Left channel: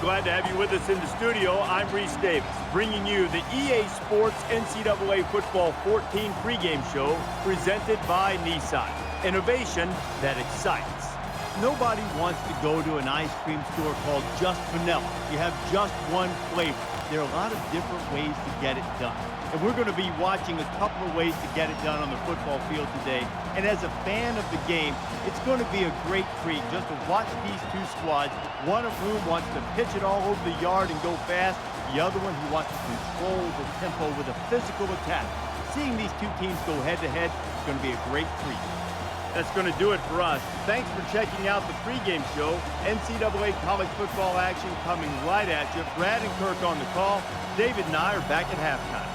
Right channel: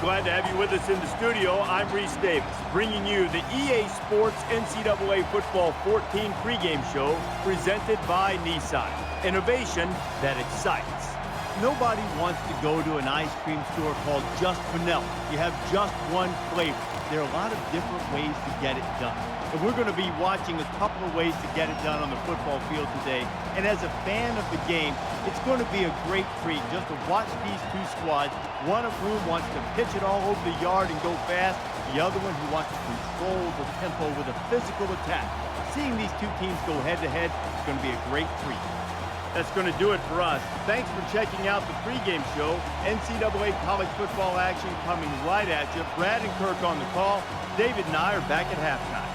Glad to have you with us in the studio. I'm Reese Davis, bringing you the EA Sports NCAA Football 14 pregame show presented by Nissan. Innovation that excites. Nobody wants to go to an ice cream store called Just Vanilla. You have just one flavor. There are a lot of different ways to get it done. And we're going to be watching a couple of ways to get it done on the football field today. And as a fan of the game, it's going to be a great treat just to watch these two squads, one of whom wants to pitch it all over the yard and go fast, the other one who wants to control the tempo with a physical attack. Seeing these two teams go head-to-head is going to be a great treat. That's going to do it for us. Thanks for checking out the pregame show. NCAA college football action coming right at you. Brad and Kirk on the call. David and I are back at halftime.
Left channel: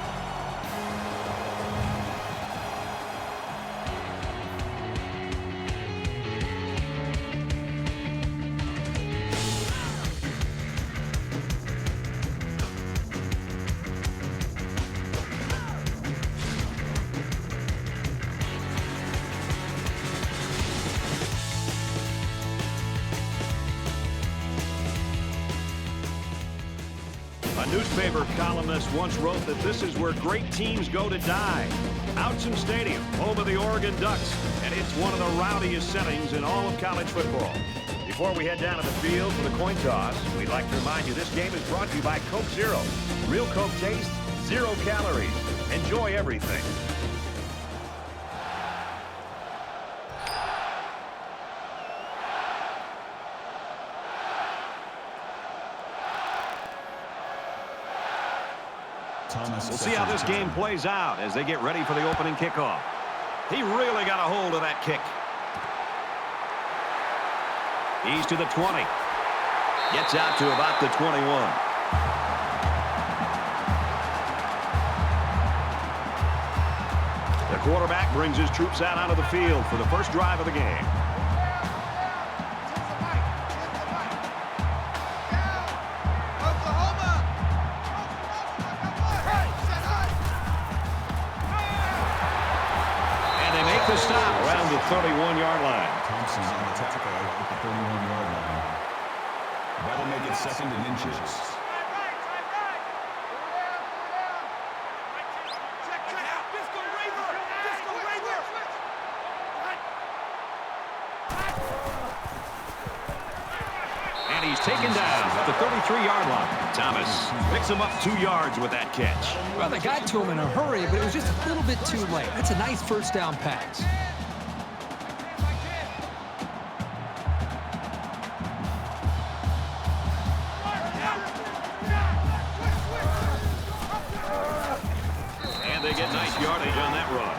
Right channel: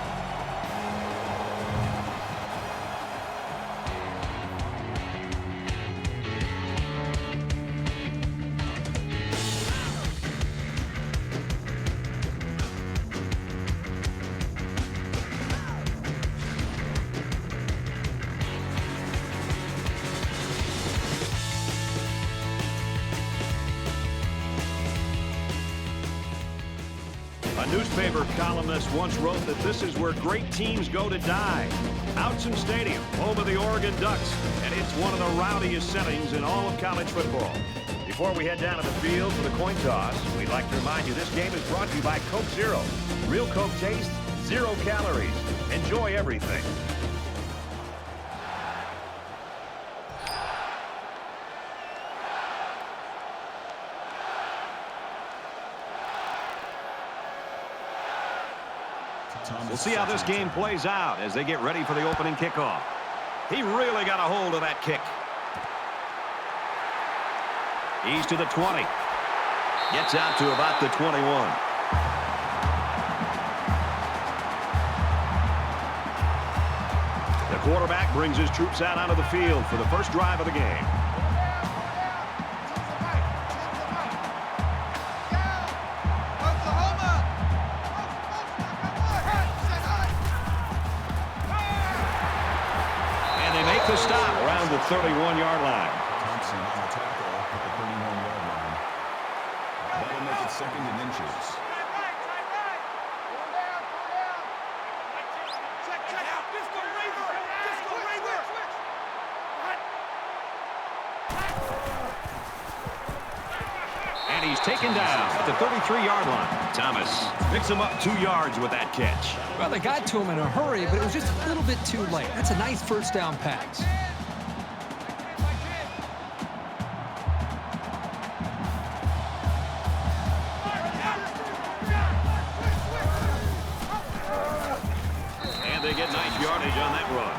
A newspaper columnist once wrote that this is where great teams go to die. Autzen Stadium, home of the Oregon Ducks, and it's one of the rowdiest settings in all of college football. Before we head down to the field for the coin toss, we'd like to remind you this game is brought to you by Coke Zero. Real Coke taste, 0 calories. Enjoy everything. We'll see how this game plays out as they get ready for the opening kickoff. He really got a hold of that kick. He's to the 20. Gets out to about the 21. The quarterback brings his troops out onto the field for the first drive of the game. The stop around the 31-yard line. Thompson on the tackle at the 31-yard line. That'll make it second and inches. Tie right. 4 down. Check. Disco Raver. And he's taken down at the 33-yard line. Thomas picks him up 2 yards with that catch. Well, they got to him in a hurry, but it was just a little bit too late. That's a nice first down pass. And they get nice yardage on that run.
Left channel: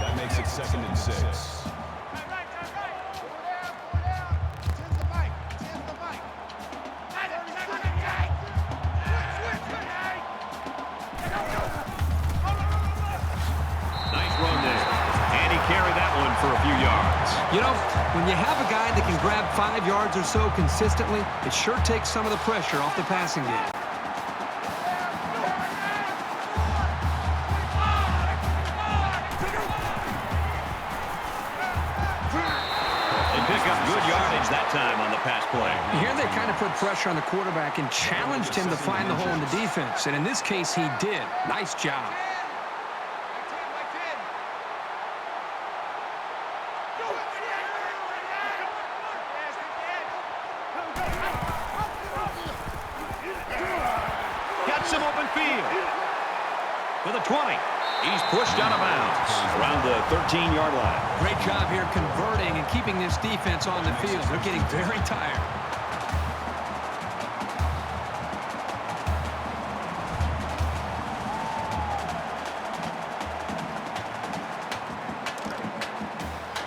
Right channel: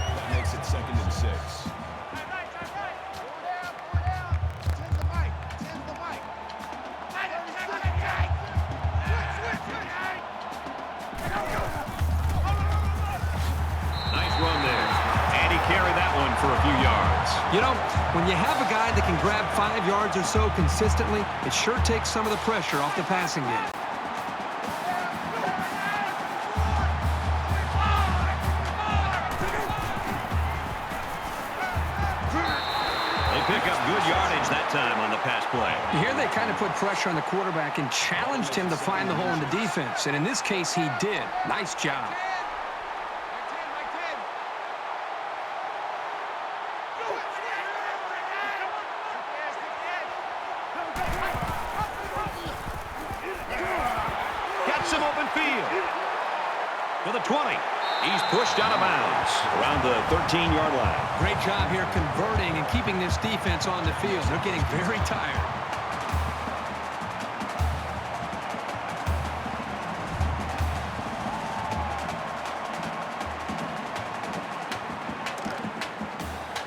That makes it second and 6. Nice run there. And he carried that one for a few yards. You know, when you have a guy that can grab 5 yards or so consistently, it sure takes some of the pressure off the passing game. They pick up good yardage that time on the pass play. Here they kind of put pressure on the quarterback and challenged him to find the hole in the defense. And in this case, he did. Nice job. Got some open field. To the 20. He's pushed out of bounds around the 13-yard line. Great job here converting and keeping this defense on the field. They're getting very tired.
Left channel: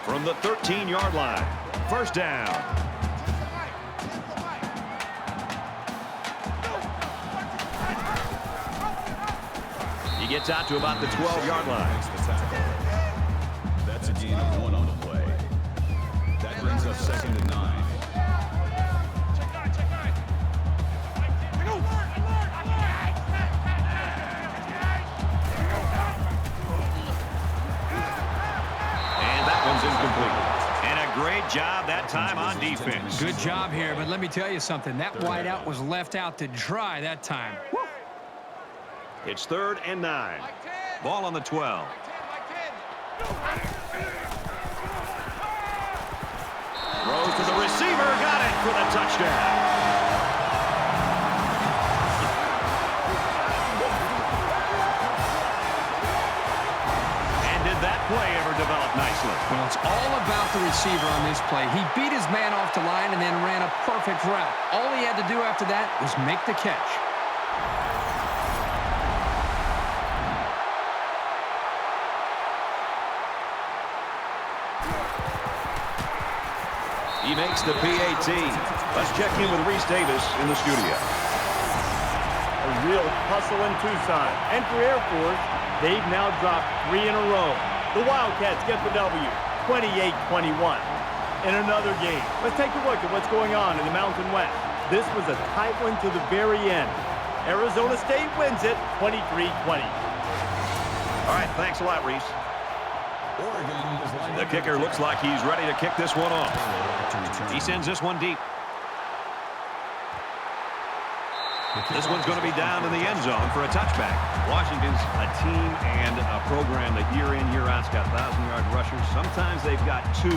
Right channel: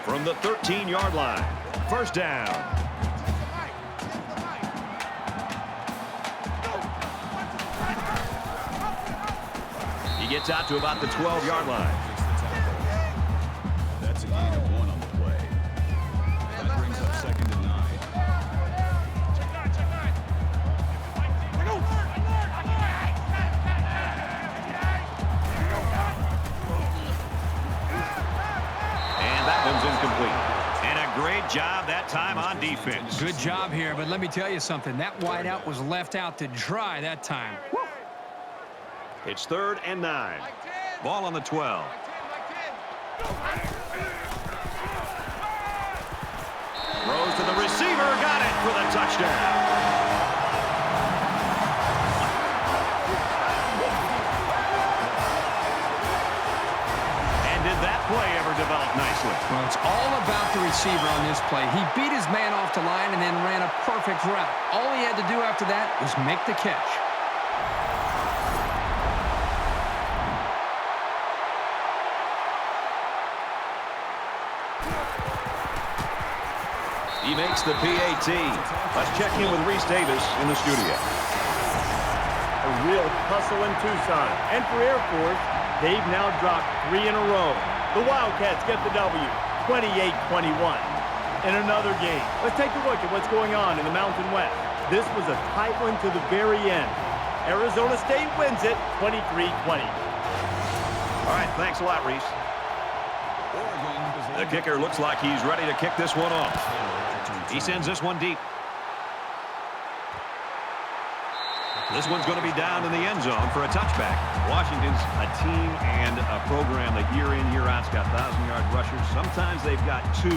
From the 13-yard line. First down. He gets out to about the 12-yard line. That's a gain of 1 on the play. That brings up second and 9. Check 9. And that one's incomplete. And a Great job that time on defense. Good job here, but let me tell you something. That wideout was left out to dry that time. Woo. It's 3rd and 9. Ball on the 12. Throws to the receiver. Got it for the touchdown. Did that play ever develop nicely? Well, it's all about the receiver on this play. He beat his man off the line and then ran a perfect route. All he had to do after that was make the catch. He makes the PAT. Let's check in with Reese Davis in the studio. A real hustle in Tucson. And for Air Force, they've now dropped 3 in a row. The Wildcats get the W, 28-21. In another game, let's take a look at what's going on in the Mountain West. This was a tight one to the very end. Arizona State wins it, 23-20. All right, thanks a lot, Reese. The kicker looks like he's ready to kick this one off. He sends this one deep. This one's going to be down in the end zone for a touchback. Washington's a team and a program that year in, year out's got 1,000-yard rushers. Sometimes they've got 2,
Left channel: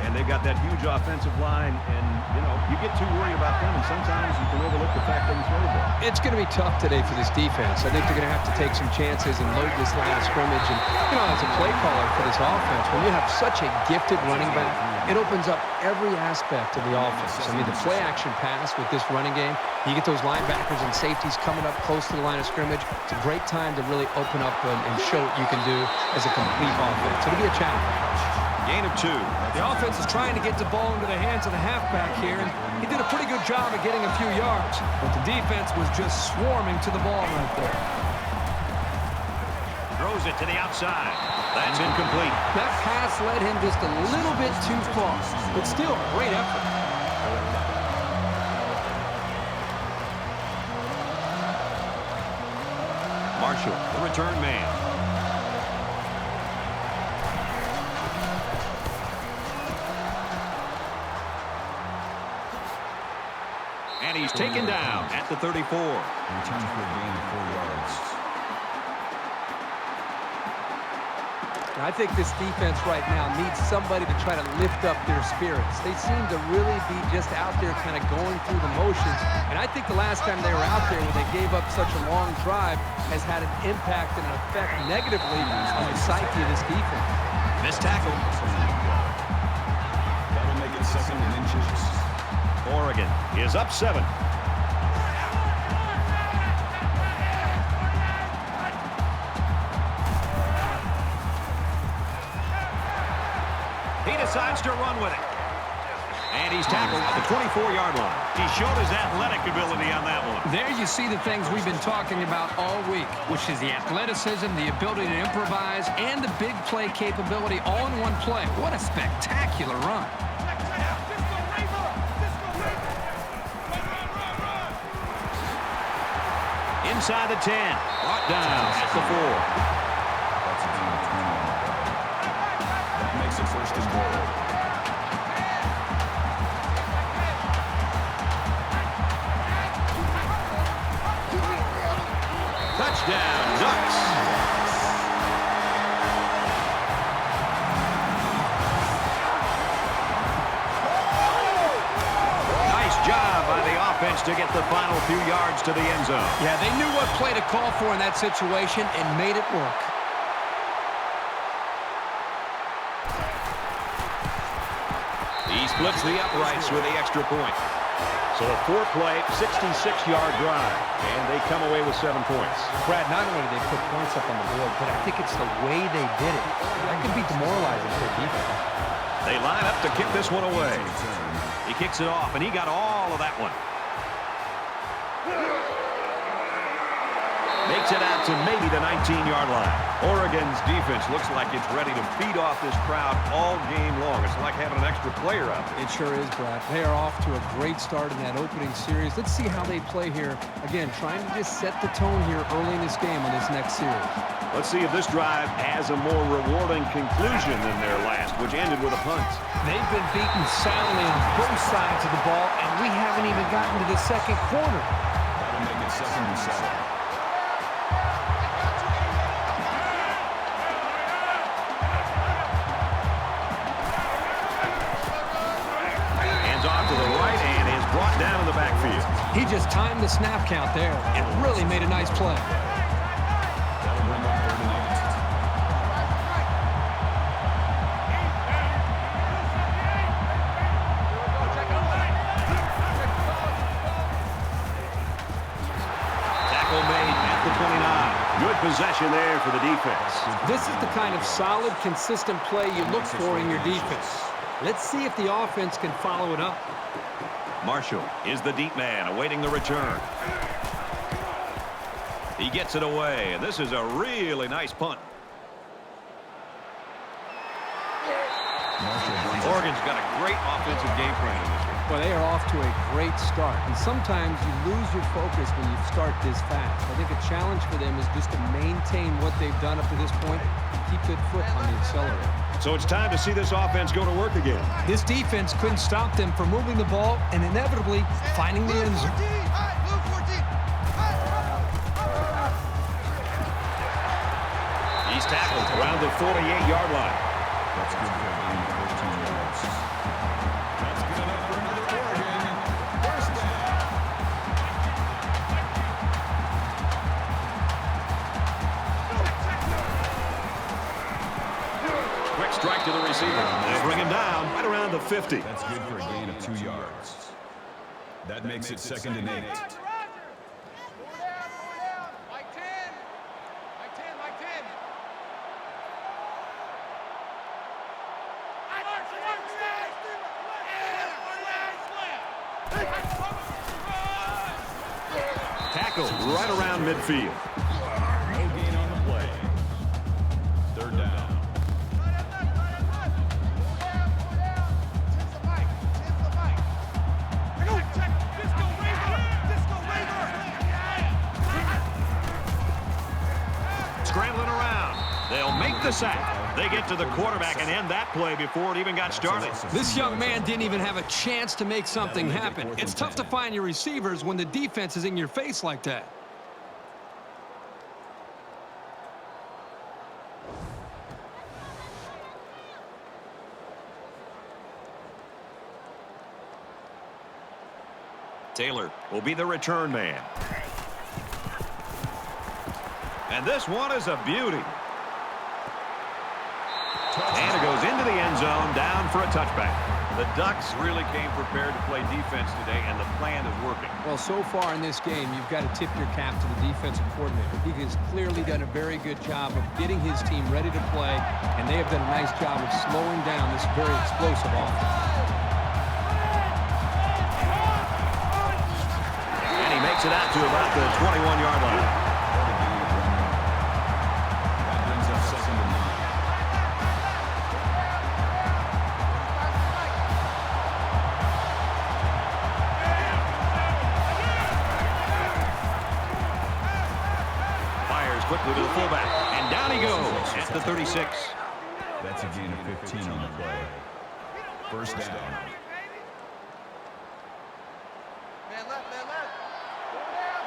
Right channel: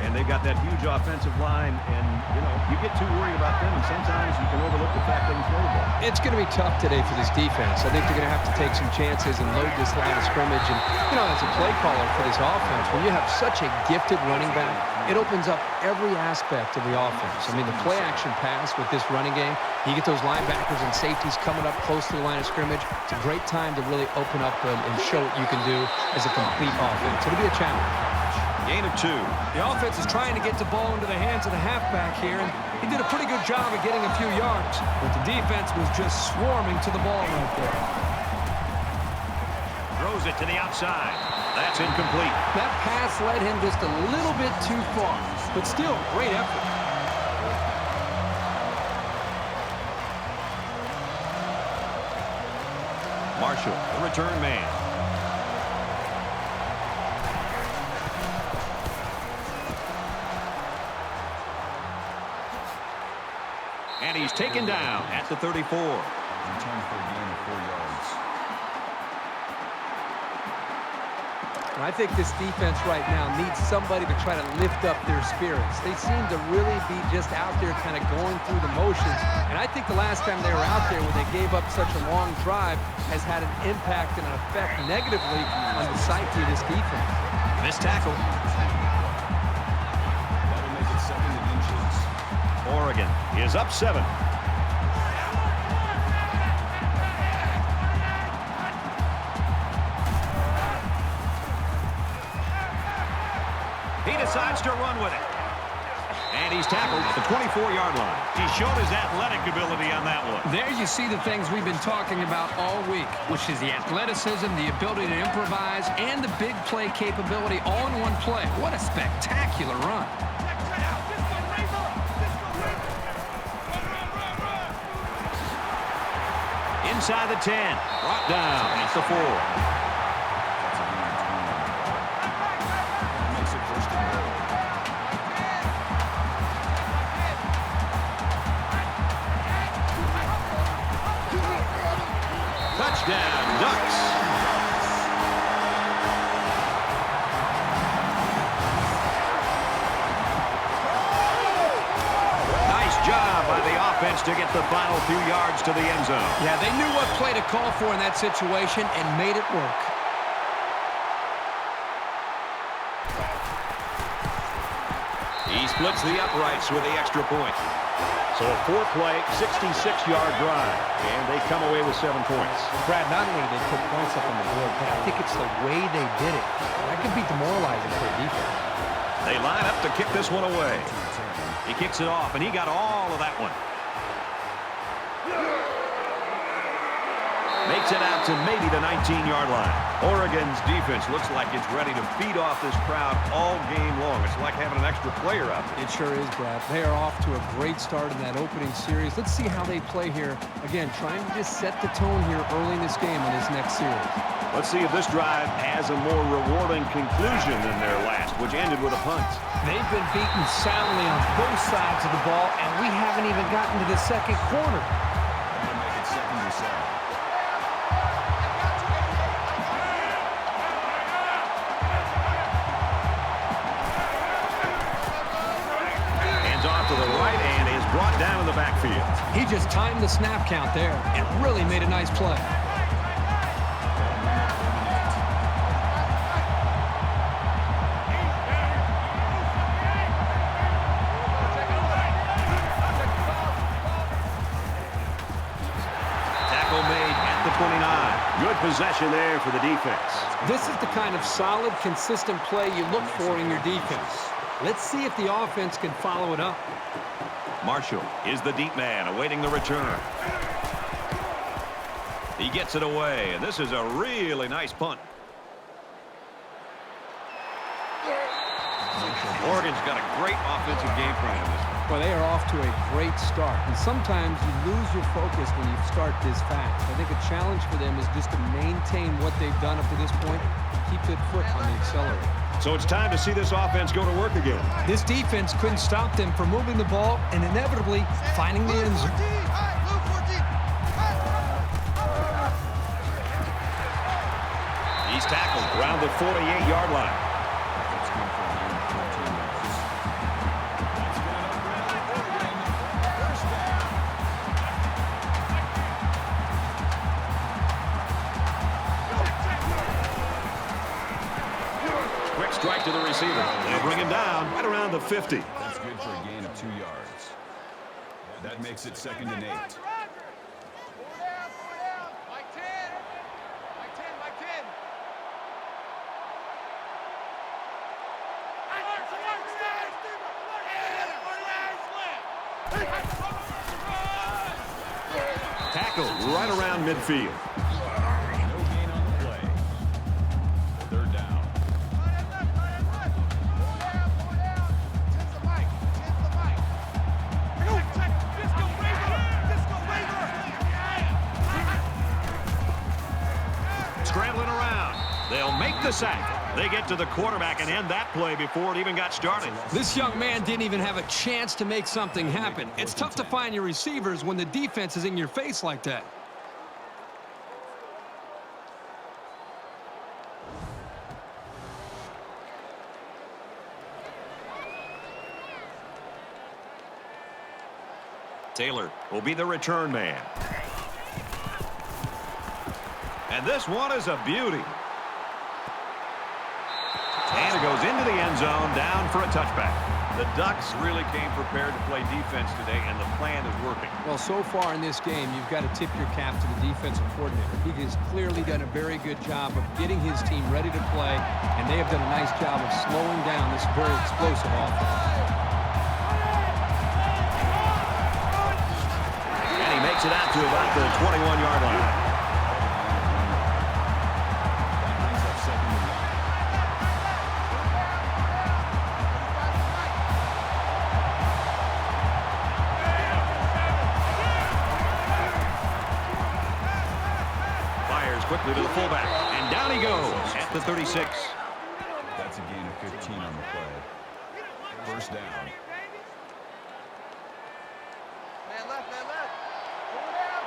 and they've got that huge offensive line, and, you know, you get too worried about them, and sometimes you can overlook the fact they can throw the ball. It's going to be tough today for this defense. I think they're going to have to take some chances and load this line of scrimmage. And, you know, as a play caller for this offense, when you have such a gifted running back, it opens up every aspect of the offense. I mean, the play-action pass with this running game, you get those linebackers and safeties coming up close to the line of scrimmage. It's a great time to really open up and show what you can do as a complete offense. It'll be a challenge. Gain of 2. The offense is trying to get the ball into the hands of the halfback here, and he did a pretty good job of getting a few yards, but the defense was just swarming to the ball right there. Throws it to the outside. That's incomplete. That pass led him just a little bit too far, but still, great effort. Marshall, the return man. And he's taken down at the 34. Return for a gain of 4 yards. I think this defense right now needs somebody to try to lift up their spirits. They seem to really be just out there kind of going through the motions. And I think the last time they were out there when they gave up such a long drive has had an impact and an effect negatively on the psyche of this defense. Missed tackle. That'll make it 2nd and inches. Oregon is up 7. He decides to run with it. And he's tackled at the 24-yard line. He showed his athletic ability on that one. There you see the things we've been talking about all week, which is the athleticism, the ability to improvise, and the big play capability all in one play. What a spectacular run. Inside the 10. Brought down at the 4. That's a gain of 20. That makes it 1st and goal. Touchdown, Ducks. Nice job by the offense to get the final few yards to the end zone. Yeah, they knew what play to call for in that situation and made it work. He splits the uprights with the extra point. So a 4-play, 66-yard drive, and they come away with 7 points. Brad, not only did they put points up on the board, but I think it's the way they did it. That could be demoralizing for a defense. They line up to kick this one away. He kicks it off, and he got all of that one. Makes it out to maybe the 19-yard line. Oregon's defense looks like it's ready to feed off this crowd all game long. It's like having an extra player out there. It sure is, Brad. They are off to a great start in that opening series. Let's see how they play here. Again, trying to just set the tone here early in this game on this next series. Let's see if this drive has a more rewarding conclusion than their last, which ended with a punt. They've been beaten soundly on both sides of the ball, and we haven't even gotten to the second quarter. That'll make it 2nd and 7. Hands off to the right and is brought down in the backfield. He just timed the snap count there and really made a nice play. That'll bring up 3rd and 8. Tackle made at the 29. Good possession there for the defense. This is the kind of solid, consistent play you look for in your defense. Let's see if the offense can follow it up. Marshall is the deep man awaiting the return. He gets it away, and this is a really nice punt. Oregon's got a great offensive game plan in this one. Well, they are off to a great start, and sometimes you lose your focus when you start this fast. I think a challenge for them is just to maintain what they've done up to this point and keep their foot on the accelerator. So it's time to see this offense go to work again. This defense couldn't stop them from moving the ball and inevitably finding the end zone. He's tackled around the 48-yard line. That's good for a gain of 14 yards. That's good enough for another score again. First down. Quick strike to the receiver. They'll bring him down right around the 50. That's good for a gain of 2 yards. That makes it 2nd and 8. Roger. 4 down. Mike 10. Mike 10. Tackle right around midfield. No gain on the play. 3rd down. Right left. 4 down. 10's the mic. Check. Disco Raver. Scrambling around. They'll make the sack. They get to the quarterback and end that play before it even got started. This young man didn't even have a chance to make something happen. It's tough to find your receivers when the defense is in your face like that. Taylor will be the return man. And this one is a beauty. And it goes into the end zone, down for a touchback. The Ducks really came prepared to play defense today, and the plan is working. Well, so far in this game, you've got to tip your cap to the defensive coordinator. He has clearly done a very good job of getting his team ready to play, and they have done a nice job of slowing down this very explosive offense. And he makes it out to about the 21-yard line. That brings up 2nd and 9. Fires quickly to the fullback, and down he goes at the 36. That's a gain of 15 on the play. 1st down. Man left. 4 down.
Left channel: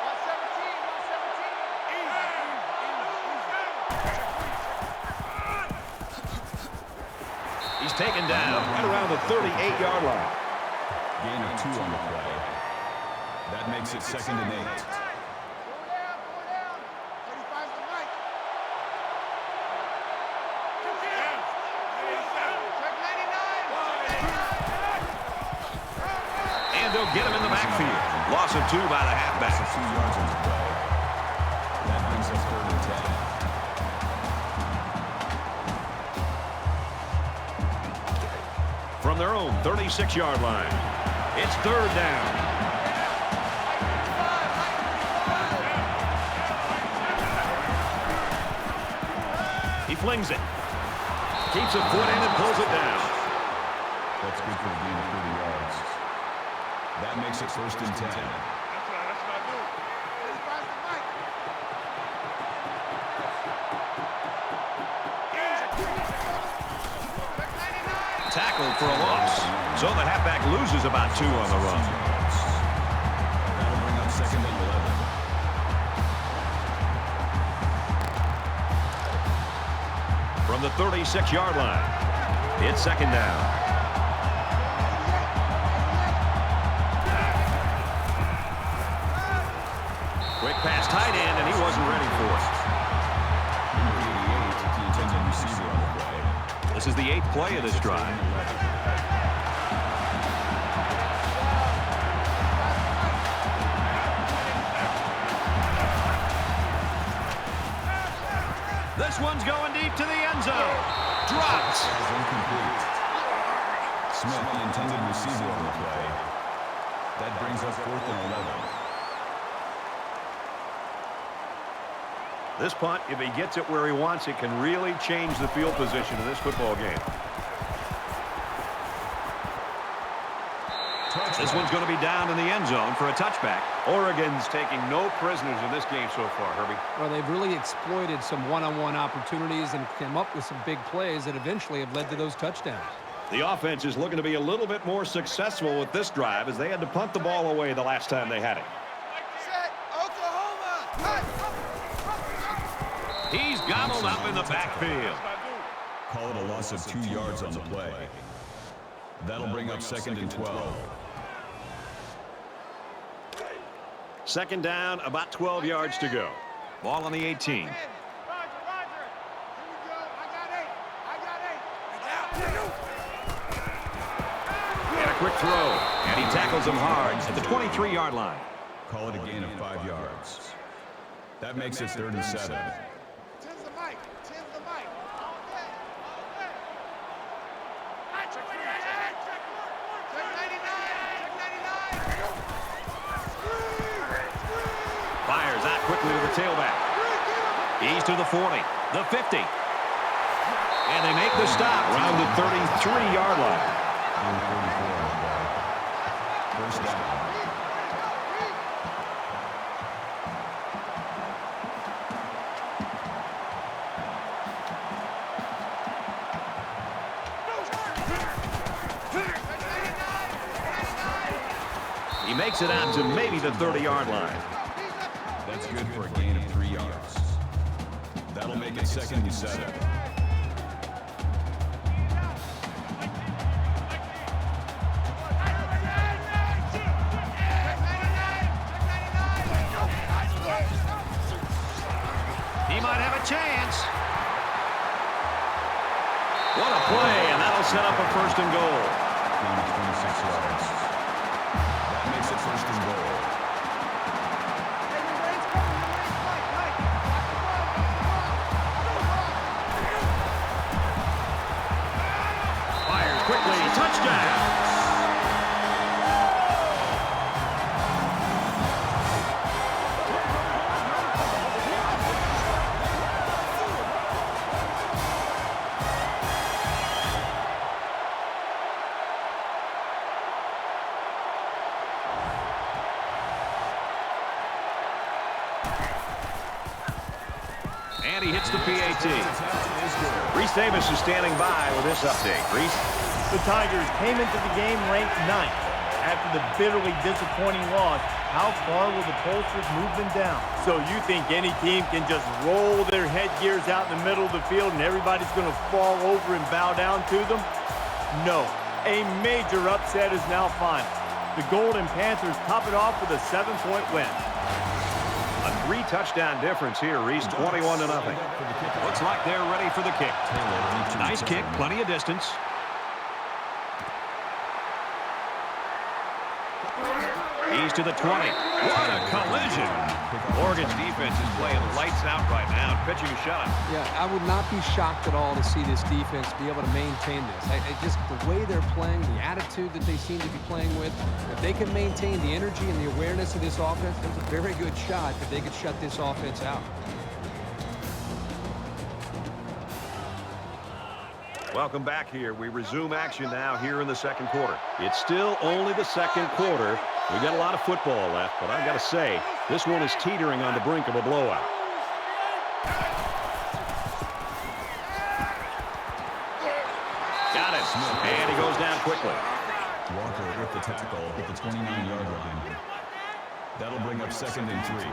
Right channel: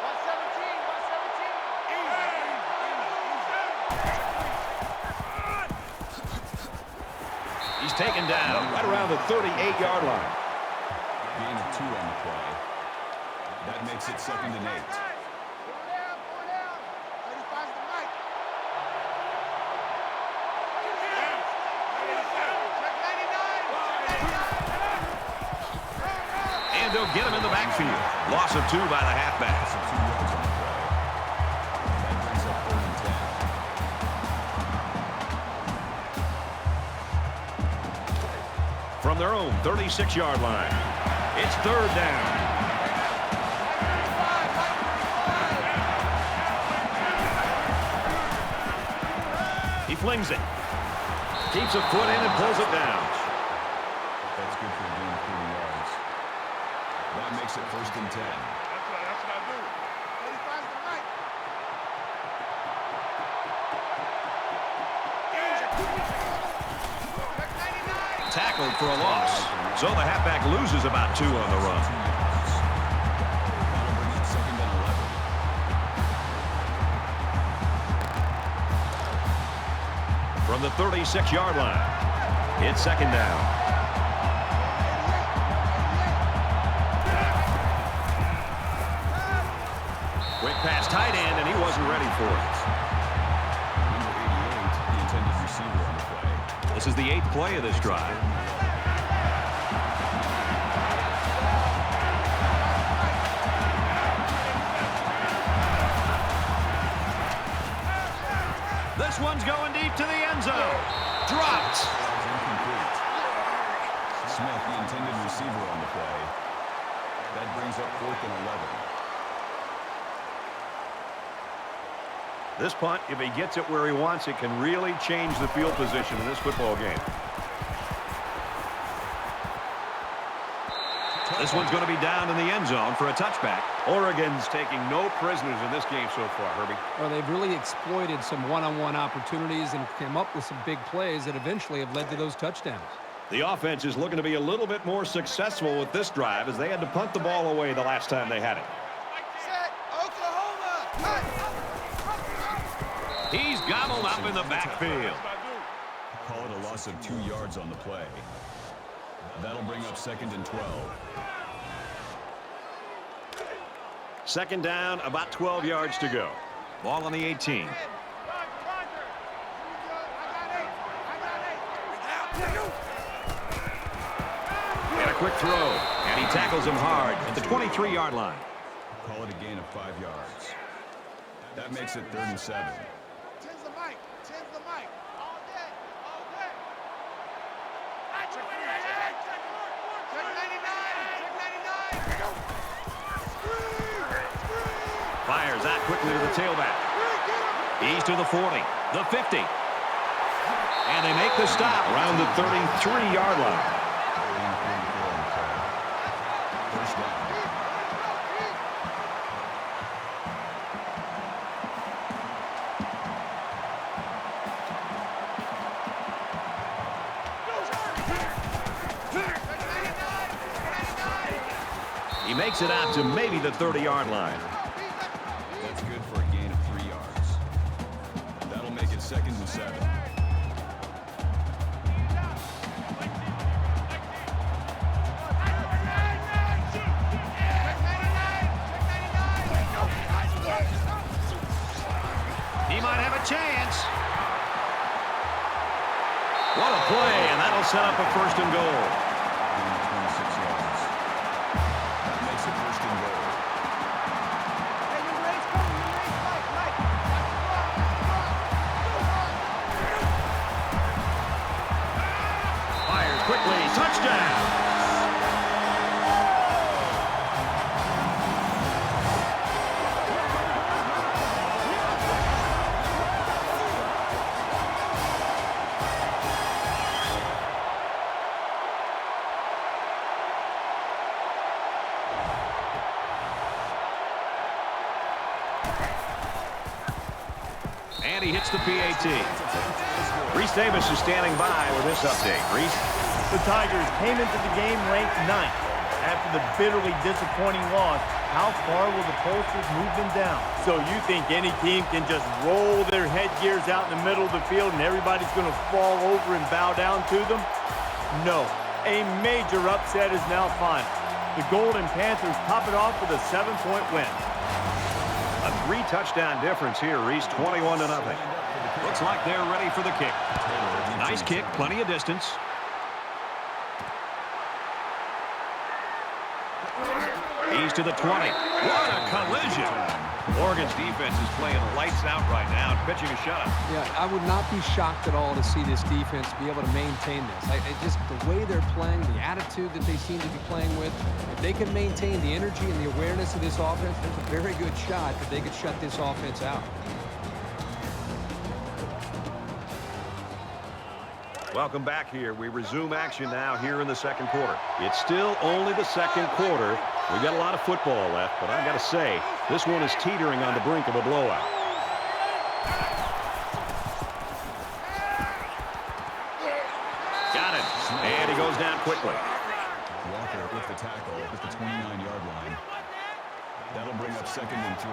117. He's taken down right around the 38-yard line. Gain of 2 on the play. That makes it 2nd and 8. 4 down. 35's the mic. Check 99. And they'll get him in the backfield. Loss of 2 by the halfback. 2 yards on the play. That brings up 3rd and 10. From their own 36-yard line, it's 3rd down. slings it. Keeps a foot in and pulls it down. That's good for a gain of 30 yards. That makes it 1st and 10. That's what I do. When he finds the mic. Tackled for a loss. So the halfback loses about 2 on the run. That'll bring up 2nd and 11. From the 36-yard line, it's 2nd down. Quick pass tight end, and he wasn't ready for it. Number 88, the intended receiver on the play. This is the 8th play of this drive. This one's going deep to the end zone. Dropped. Is incomplete. Smith, the intended receiver on the play. That brings up 4th and 11. This punt, if he gets it where he wants it, can really change the field position in this football game. This one's going to be down in the end zone for a touchback. Oregon's taking no prisoners in this game so far, Herbie. Well, they've really exploited some one-on-one opportunities and come up with some big plays that eventually have led to those touchdowns. The offense is looking to be a little bit more successful with this drive as they had to punt the ball away the last time they had it. Set, Oklahoma. He's gobbled up in the backfield. Call it a loss of 2 yards on the play. That'll bring up 2nd and 12. 2nd down, about 12 yards to go. Ball on the 18. Roger. Here we go. I got 8. And a quick throw. And he tackles him hard at the 23-yard line. Call it a gain of 5 yards. That makes it 3rd and 7. Tens the mic. All day. Check 99. Fires out quickly to the tailback. He's to the 40, the 50. And they make the stop around the 33-yard line. 44 on the play. 1st down. He makes it out to maybe the 30-yard line. That's good for a gain of 3 yards. That'll make it 2nd and 7. He might have a chance. What a play, and that'll set up a 1st and goal. Gain of 26 yards. That makes it 1st and goal. Hey, number 8's coming. Number 8's Mike. Watch the run. Fires quickly. Touchdown. And he hits the PAT. Reese Davis is standing by with this update. Reese? The Tigers came into the game ranked 9th. After the bitterly disappointing loss, how far will the pollsters move them down? So you think any team can just roll their headgears out in the middle of the field and everybody's going to fall over and bow down to them? No. A major upset is now final. The Golden Panthers top it off with a 7-point win. A 3-touchdown difference here, Reese, 21-0. Looks like they're ready for the kick. Nice kick, plenty of distance. He's to the 20. What a collision. Oregon's defense is playing lights out right now and pitching a shutout. Yeah, I would not be shocked at all to see this defense be able to maintain this. Just the way they're playing, the attitude that they seem to be playing with, if they can maintain the energy and the awareness of this offense, there's a very good shot that they could shut this offense out. Welcome back here. We resume action now here in the second quarter. It's still only the second quarter. We've got a lot of football left, but I got to say, this one is teetering on the brink of a blowout. Got it. And he goes down quickly. Walker with the tackle at the 29-yard line. That'll bring up 2nd and 3.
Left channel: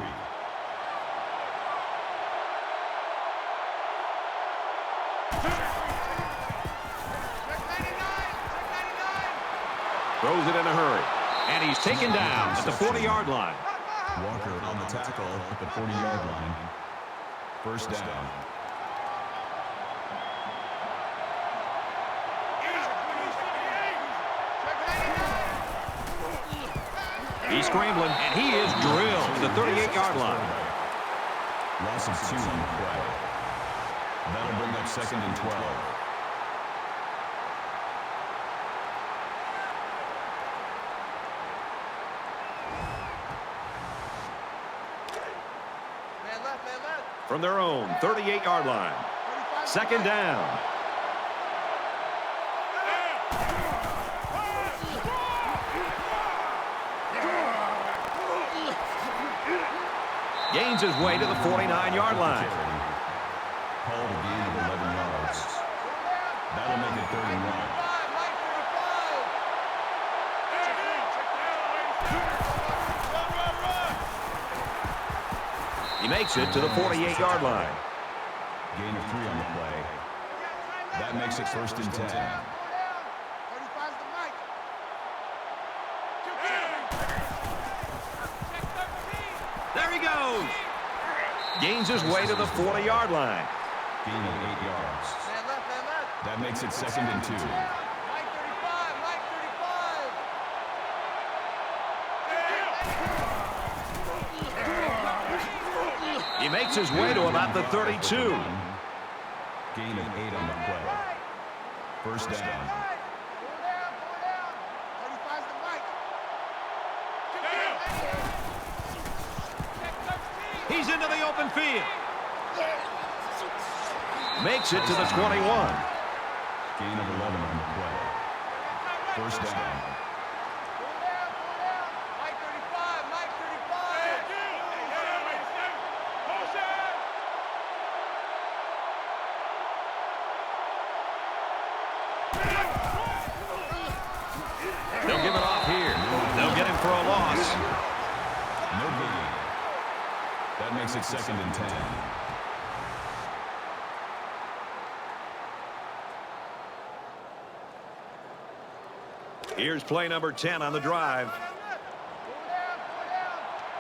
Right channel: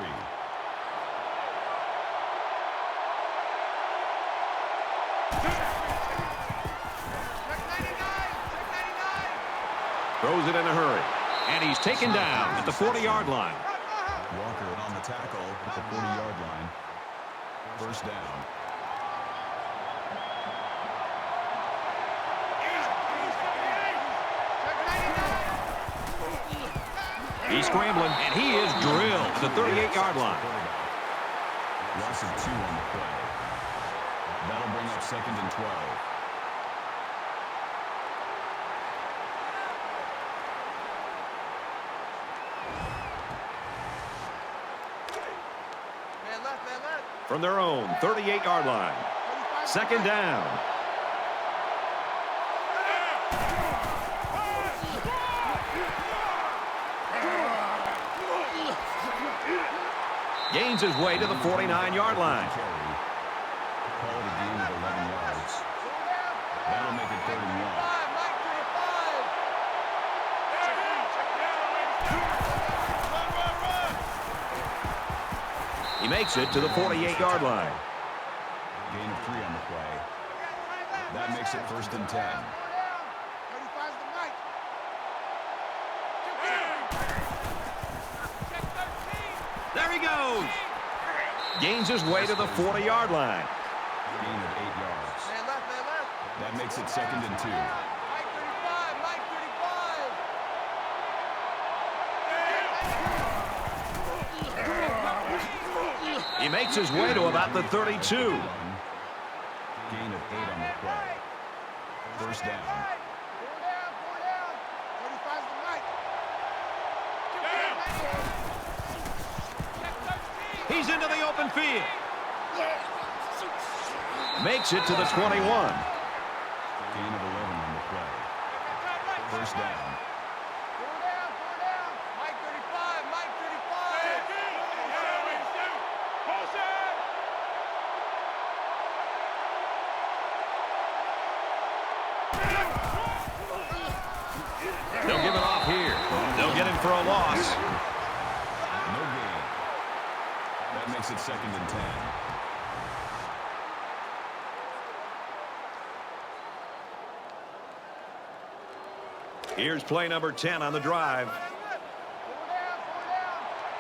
Throws it in a hurry. And he's taken down at the 40-yard line. Walker on the tackle at the 40-yard line. First down. He's scrambling, and he is drilled at the 38-yard line. Loss of 2 on the play. That'll bring up 2nd and 12. Man left, man left. From their own 38-yard line. 2nd down. Gains his way to the 49-yard line. Called a gain of 11 yards. That'll make it 3rd and 1. Mike 35. He makes it to the 48-yard line. Gain of 3 on the play. That makes it 1st and 10. 35's the Mike. There he goes. Gains his way to the 40-yard line. Gain of 8 yards. Man left, man left. That makes it 2nd and 2. Mike 35, Mike 35. He makes his way to about the 32. Gain of 8 on the play. First down. 4 down. 35's the Mike. He's into the open field. Makes it to the 21. Gain of 11 on the play. First down. 4 down. Mike 35, Mike 35. They'll give it off here. They'll get him for a loss. No gain. That makes it 2nd and 10. Here's play number 10 on the drive. 4 down.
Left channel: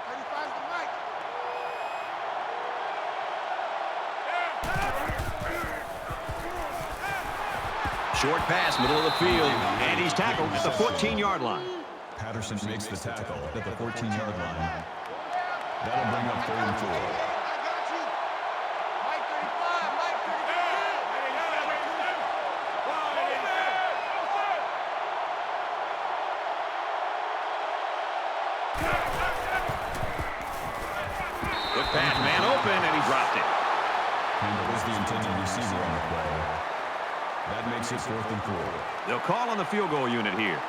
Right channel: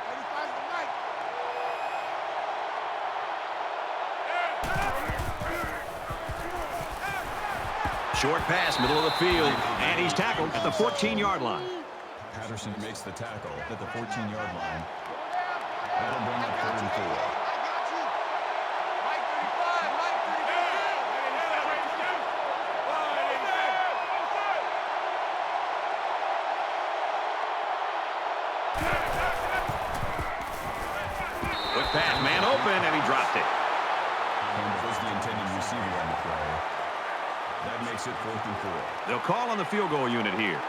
35's the Mike. Short pass, middle of the field, and he's tackled at the 14-yard line. Patterson makes the tackle at the 14-yard line. 4 down. That'll bring up 3rd and 4. I got you. Mike 35, Mike 35. Quick pass, man open, and he dropped it. Campbell was the intended receiver on the play. That makes it 4th and 4. They'll call on the field goal unit here.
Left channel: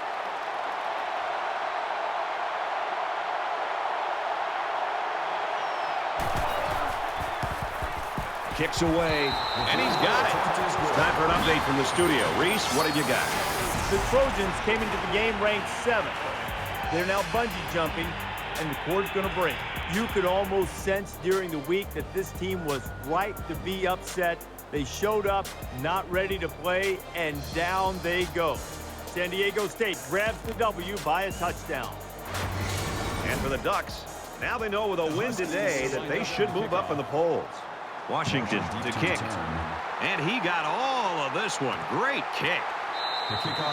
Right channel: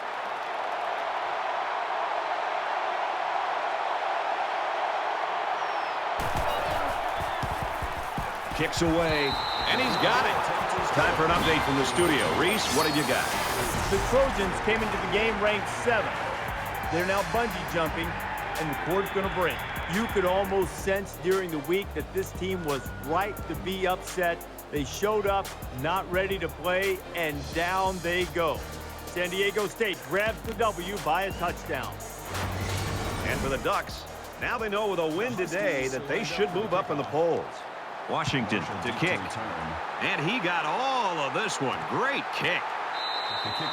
Kicks away, and he's got it. Time for an update from the studio. Reese, what have you got? The Trojans came into the game ranked 7th. They're now bungee jumping, and the cord's going to break. You could almost sense during the week that this team was right to be upset. They showed up, not ready to play, and down they go. San Diego State grabs the W by a touchdown. And for the Ducks, now they know with a win today that they should move up in the polls. Washington to kick. And he got all of this one. Great kick.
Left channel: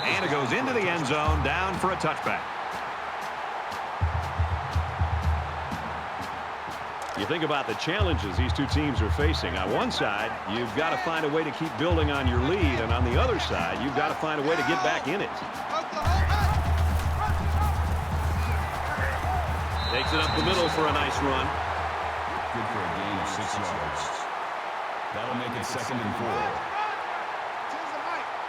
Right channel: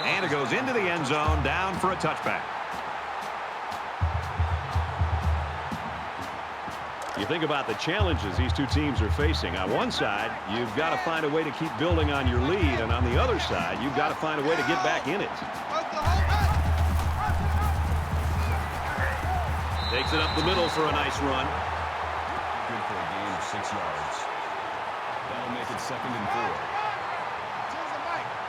And it goes into the end zone, down for a touchback. You think about the challenges these two teams are facing. On one side, you've got to find a way to keep building on your lead. And on the other side, you've got to find a way to get back in it. Takes it up the middle for a nice run. Good for a gain of 6 yards. That'll make it 2nd and 4. Roger. 10's the Mike.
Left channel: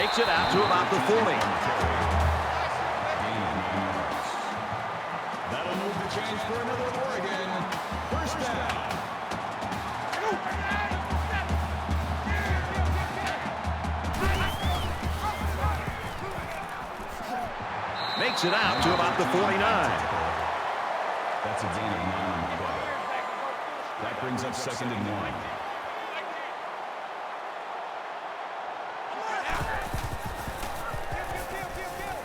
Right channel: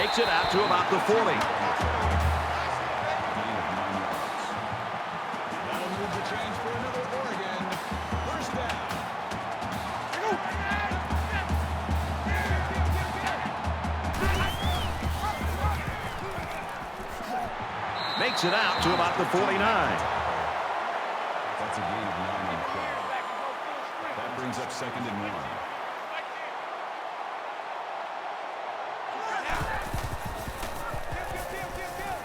Makes it out to about the 40. That'll move the chains for another Oregon. First down. Makes it out to about the 49. That's a gain of 9 on the play. That brings up 2nd and 1.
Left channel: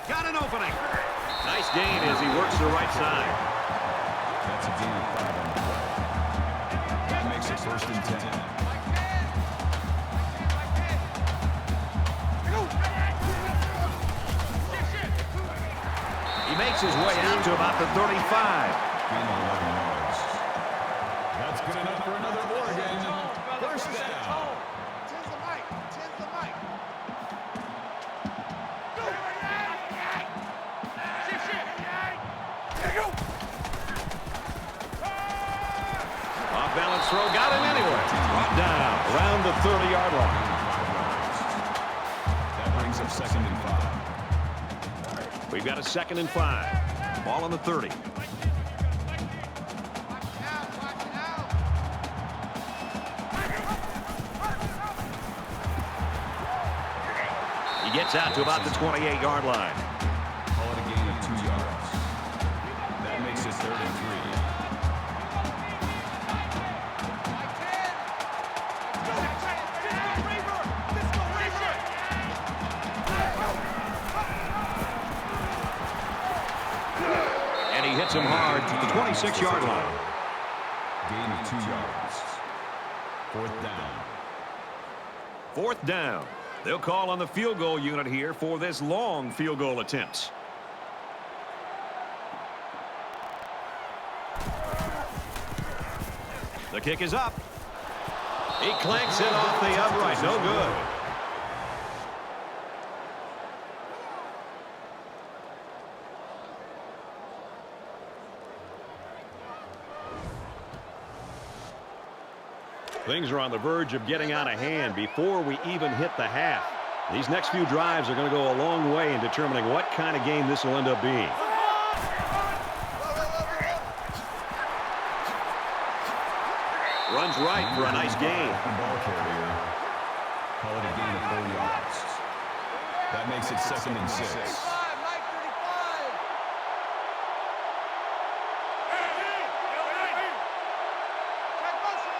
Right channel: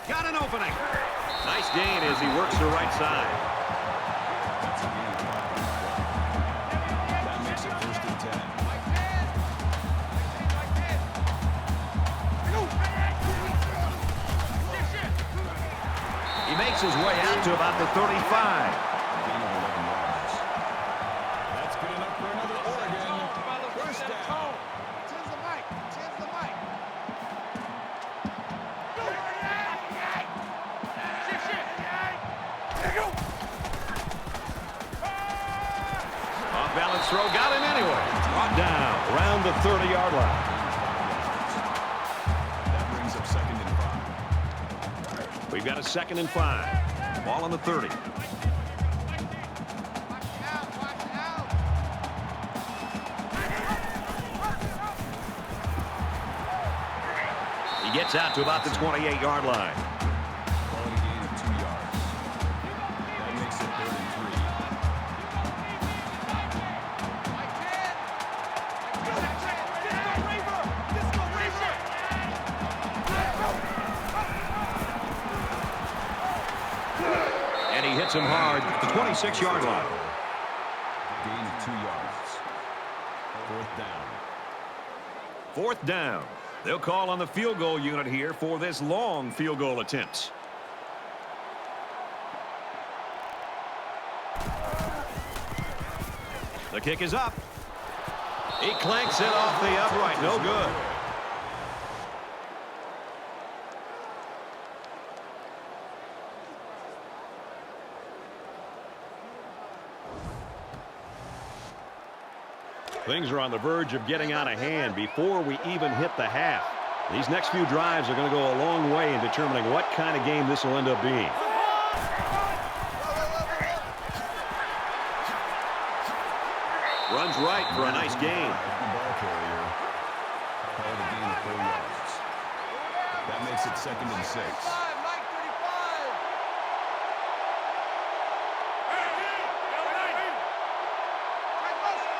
Got an opening. Nice gain as he works the right side. That's a gain of 5 on the play. That makes it 1st and 10. He makes his way out to about the 35. Gain of 11 yards. That's good enough for another Oregon. First down. Tens the mic. Tens the mic. Off balance throw, got him anyway. Brought down around the 30-yard line. That brings up 2nd and 5. We've got a 2nd and 5. Ball on the 30. Watch out. Watch out. He gets out to about the 28-yard line. Call it a gain of 2 yards. That makes it 3rd and 3. Mike 10. Disco Reaver. And he hits him hard at the 26-yard line. Gain of 2 yards. 4th down. 4th down. They'll call on the field goal unit here for this long field goal attempt. The kick is up. He clanks it off the upright. No good. Things are on the verge of getting out of hand before we even hit the half. These next few drives are going to go a long way in determining what kind of game this will end up being. Runs right for a nice gain. The ball carrier. Call it a gain of 4 yards. That makes it 2nd and 6. Mike 35. Mike 35. Check motion.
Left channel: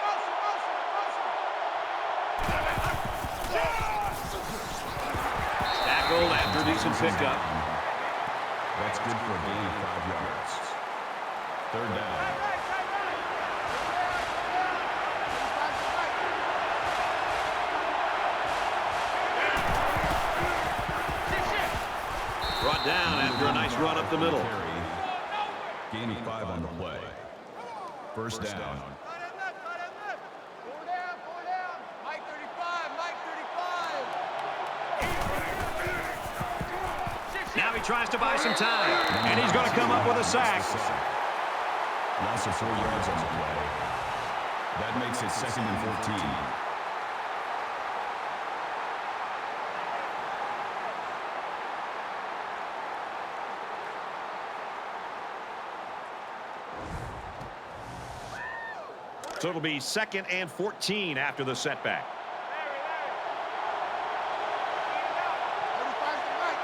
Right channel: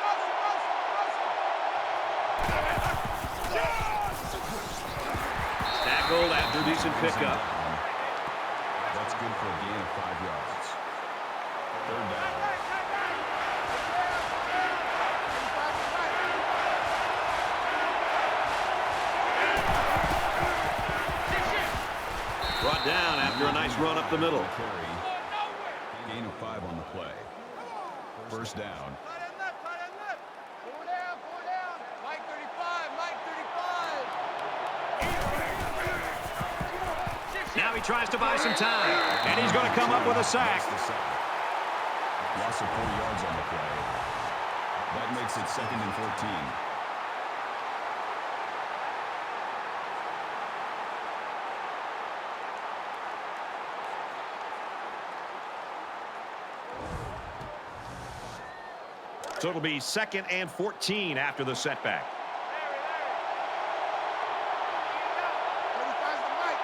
Tackled after a decent pickup. That's good for a gain of 5 yards. 3rd down. Brought down after a nice run up the middle. Gain of 5 on the play. First down. Tight end left. 4 down. Mike 35. Mike 35. Now he tries to buy some time, and he's going to come up with a sack. Loss of 4 yards on the play. That makes it 2nd and 14. So it'll be 2nd and 14 after the setback. Larry. 35's the mic.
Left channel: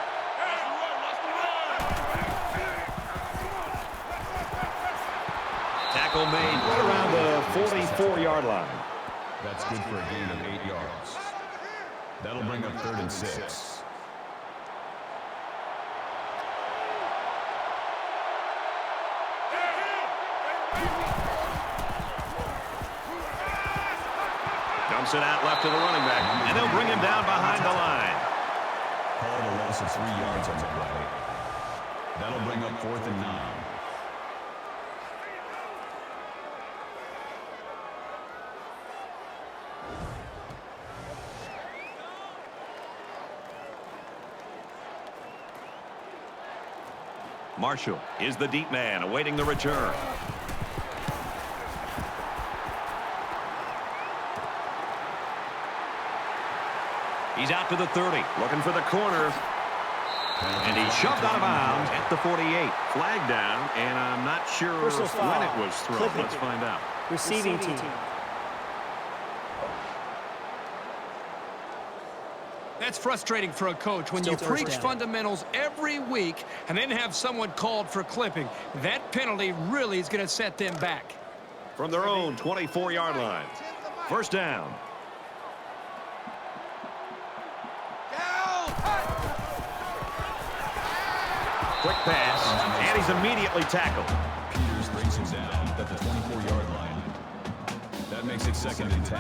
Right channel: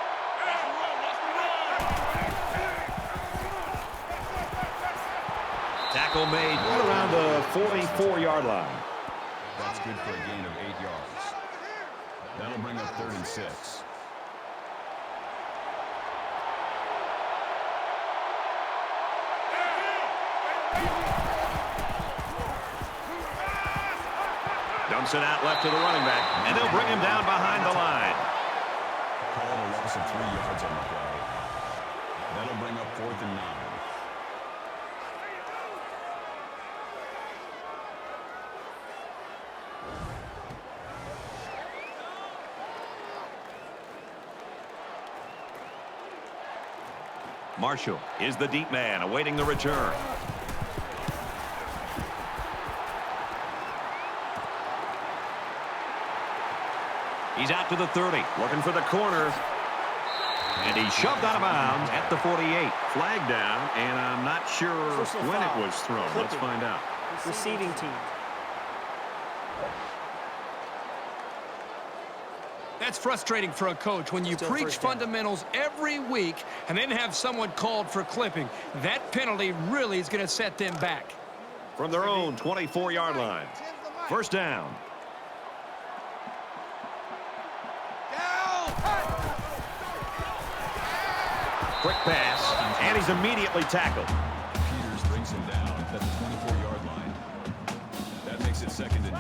Tackle made right around the 44-yard line. That's good for a gain of 8 yards. Not over here. That'll bring up 3rd and 6. Dumps it out left to the running back, and they'll bring him down behind the line. Call it a loss of 3 yards on the play. That'll bring up 4th and 9. Marshall is the deep man awaiting the return. He's out to the 30, looking for the corner. And he shoved out of bounds at the 48. Flag down, and I'm not sure when it was thrown. Let's find out. Receiving team. That's frustrating for a coach when you preach fundamentals every week and then have someone called for clipping. That penalty really is going to set them back. From their own 24-yard line. First down. Quick pass, and he's immediately tackled. Peters brings him down at the 24-yard line. That makes it 2nd and 10.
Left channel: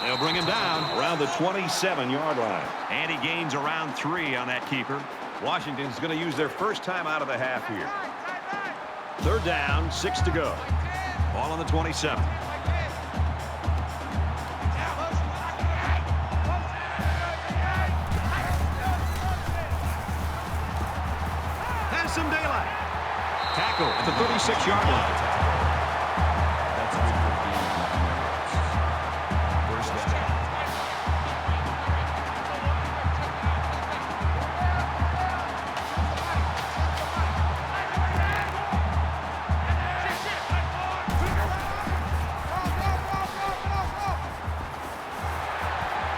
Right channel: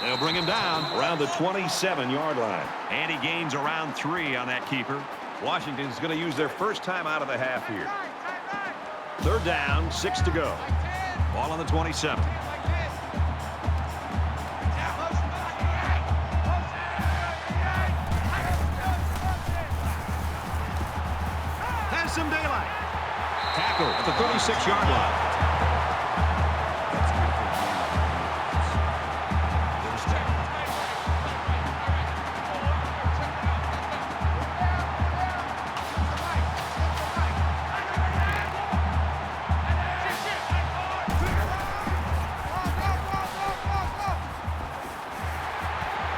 They'll bring him down around the 27-yard line. And he gains around 3 on that keeper. Washington's going to use their first time out of the half here. Third down, 6 to go. Ball on the 27. Has some daylight. Tackle at the 36-yard line.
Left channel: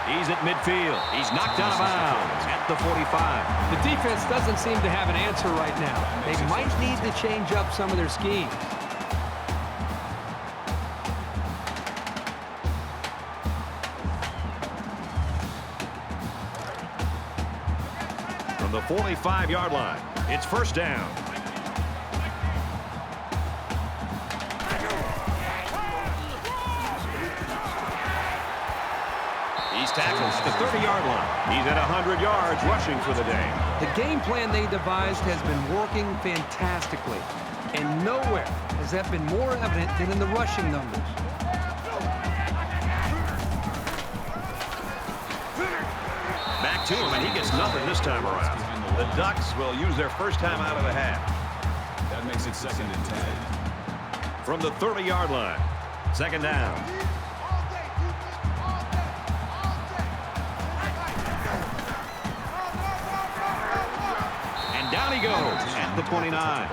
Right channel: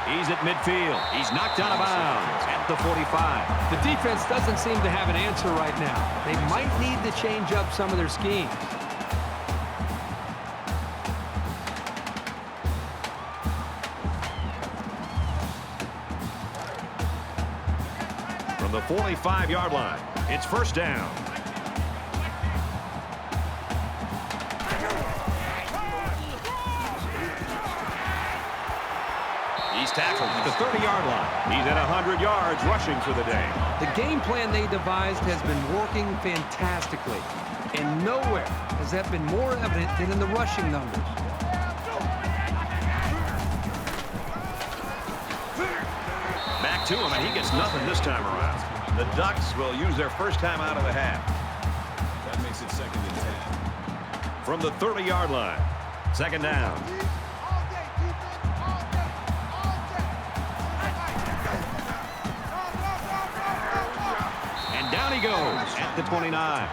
He's at midfield. He's knocked out of bounds at the 45. The defense doesn't seem to have an answer right now. They might need to change up some of their schemes. From the 45-yard line, it's first down. He's tackled at the 30-yard line. He's at 100 yards rushing for the day. The game plan they devised has been working fantastically. And nowhere has that been more evident than in the rushing numbers. Back to him, and he gets nothing this time around. The Ducks will use their first time out of the half. That makes it 2nd and 10. From the 30-yard line, second down. And down he goes at the 29.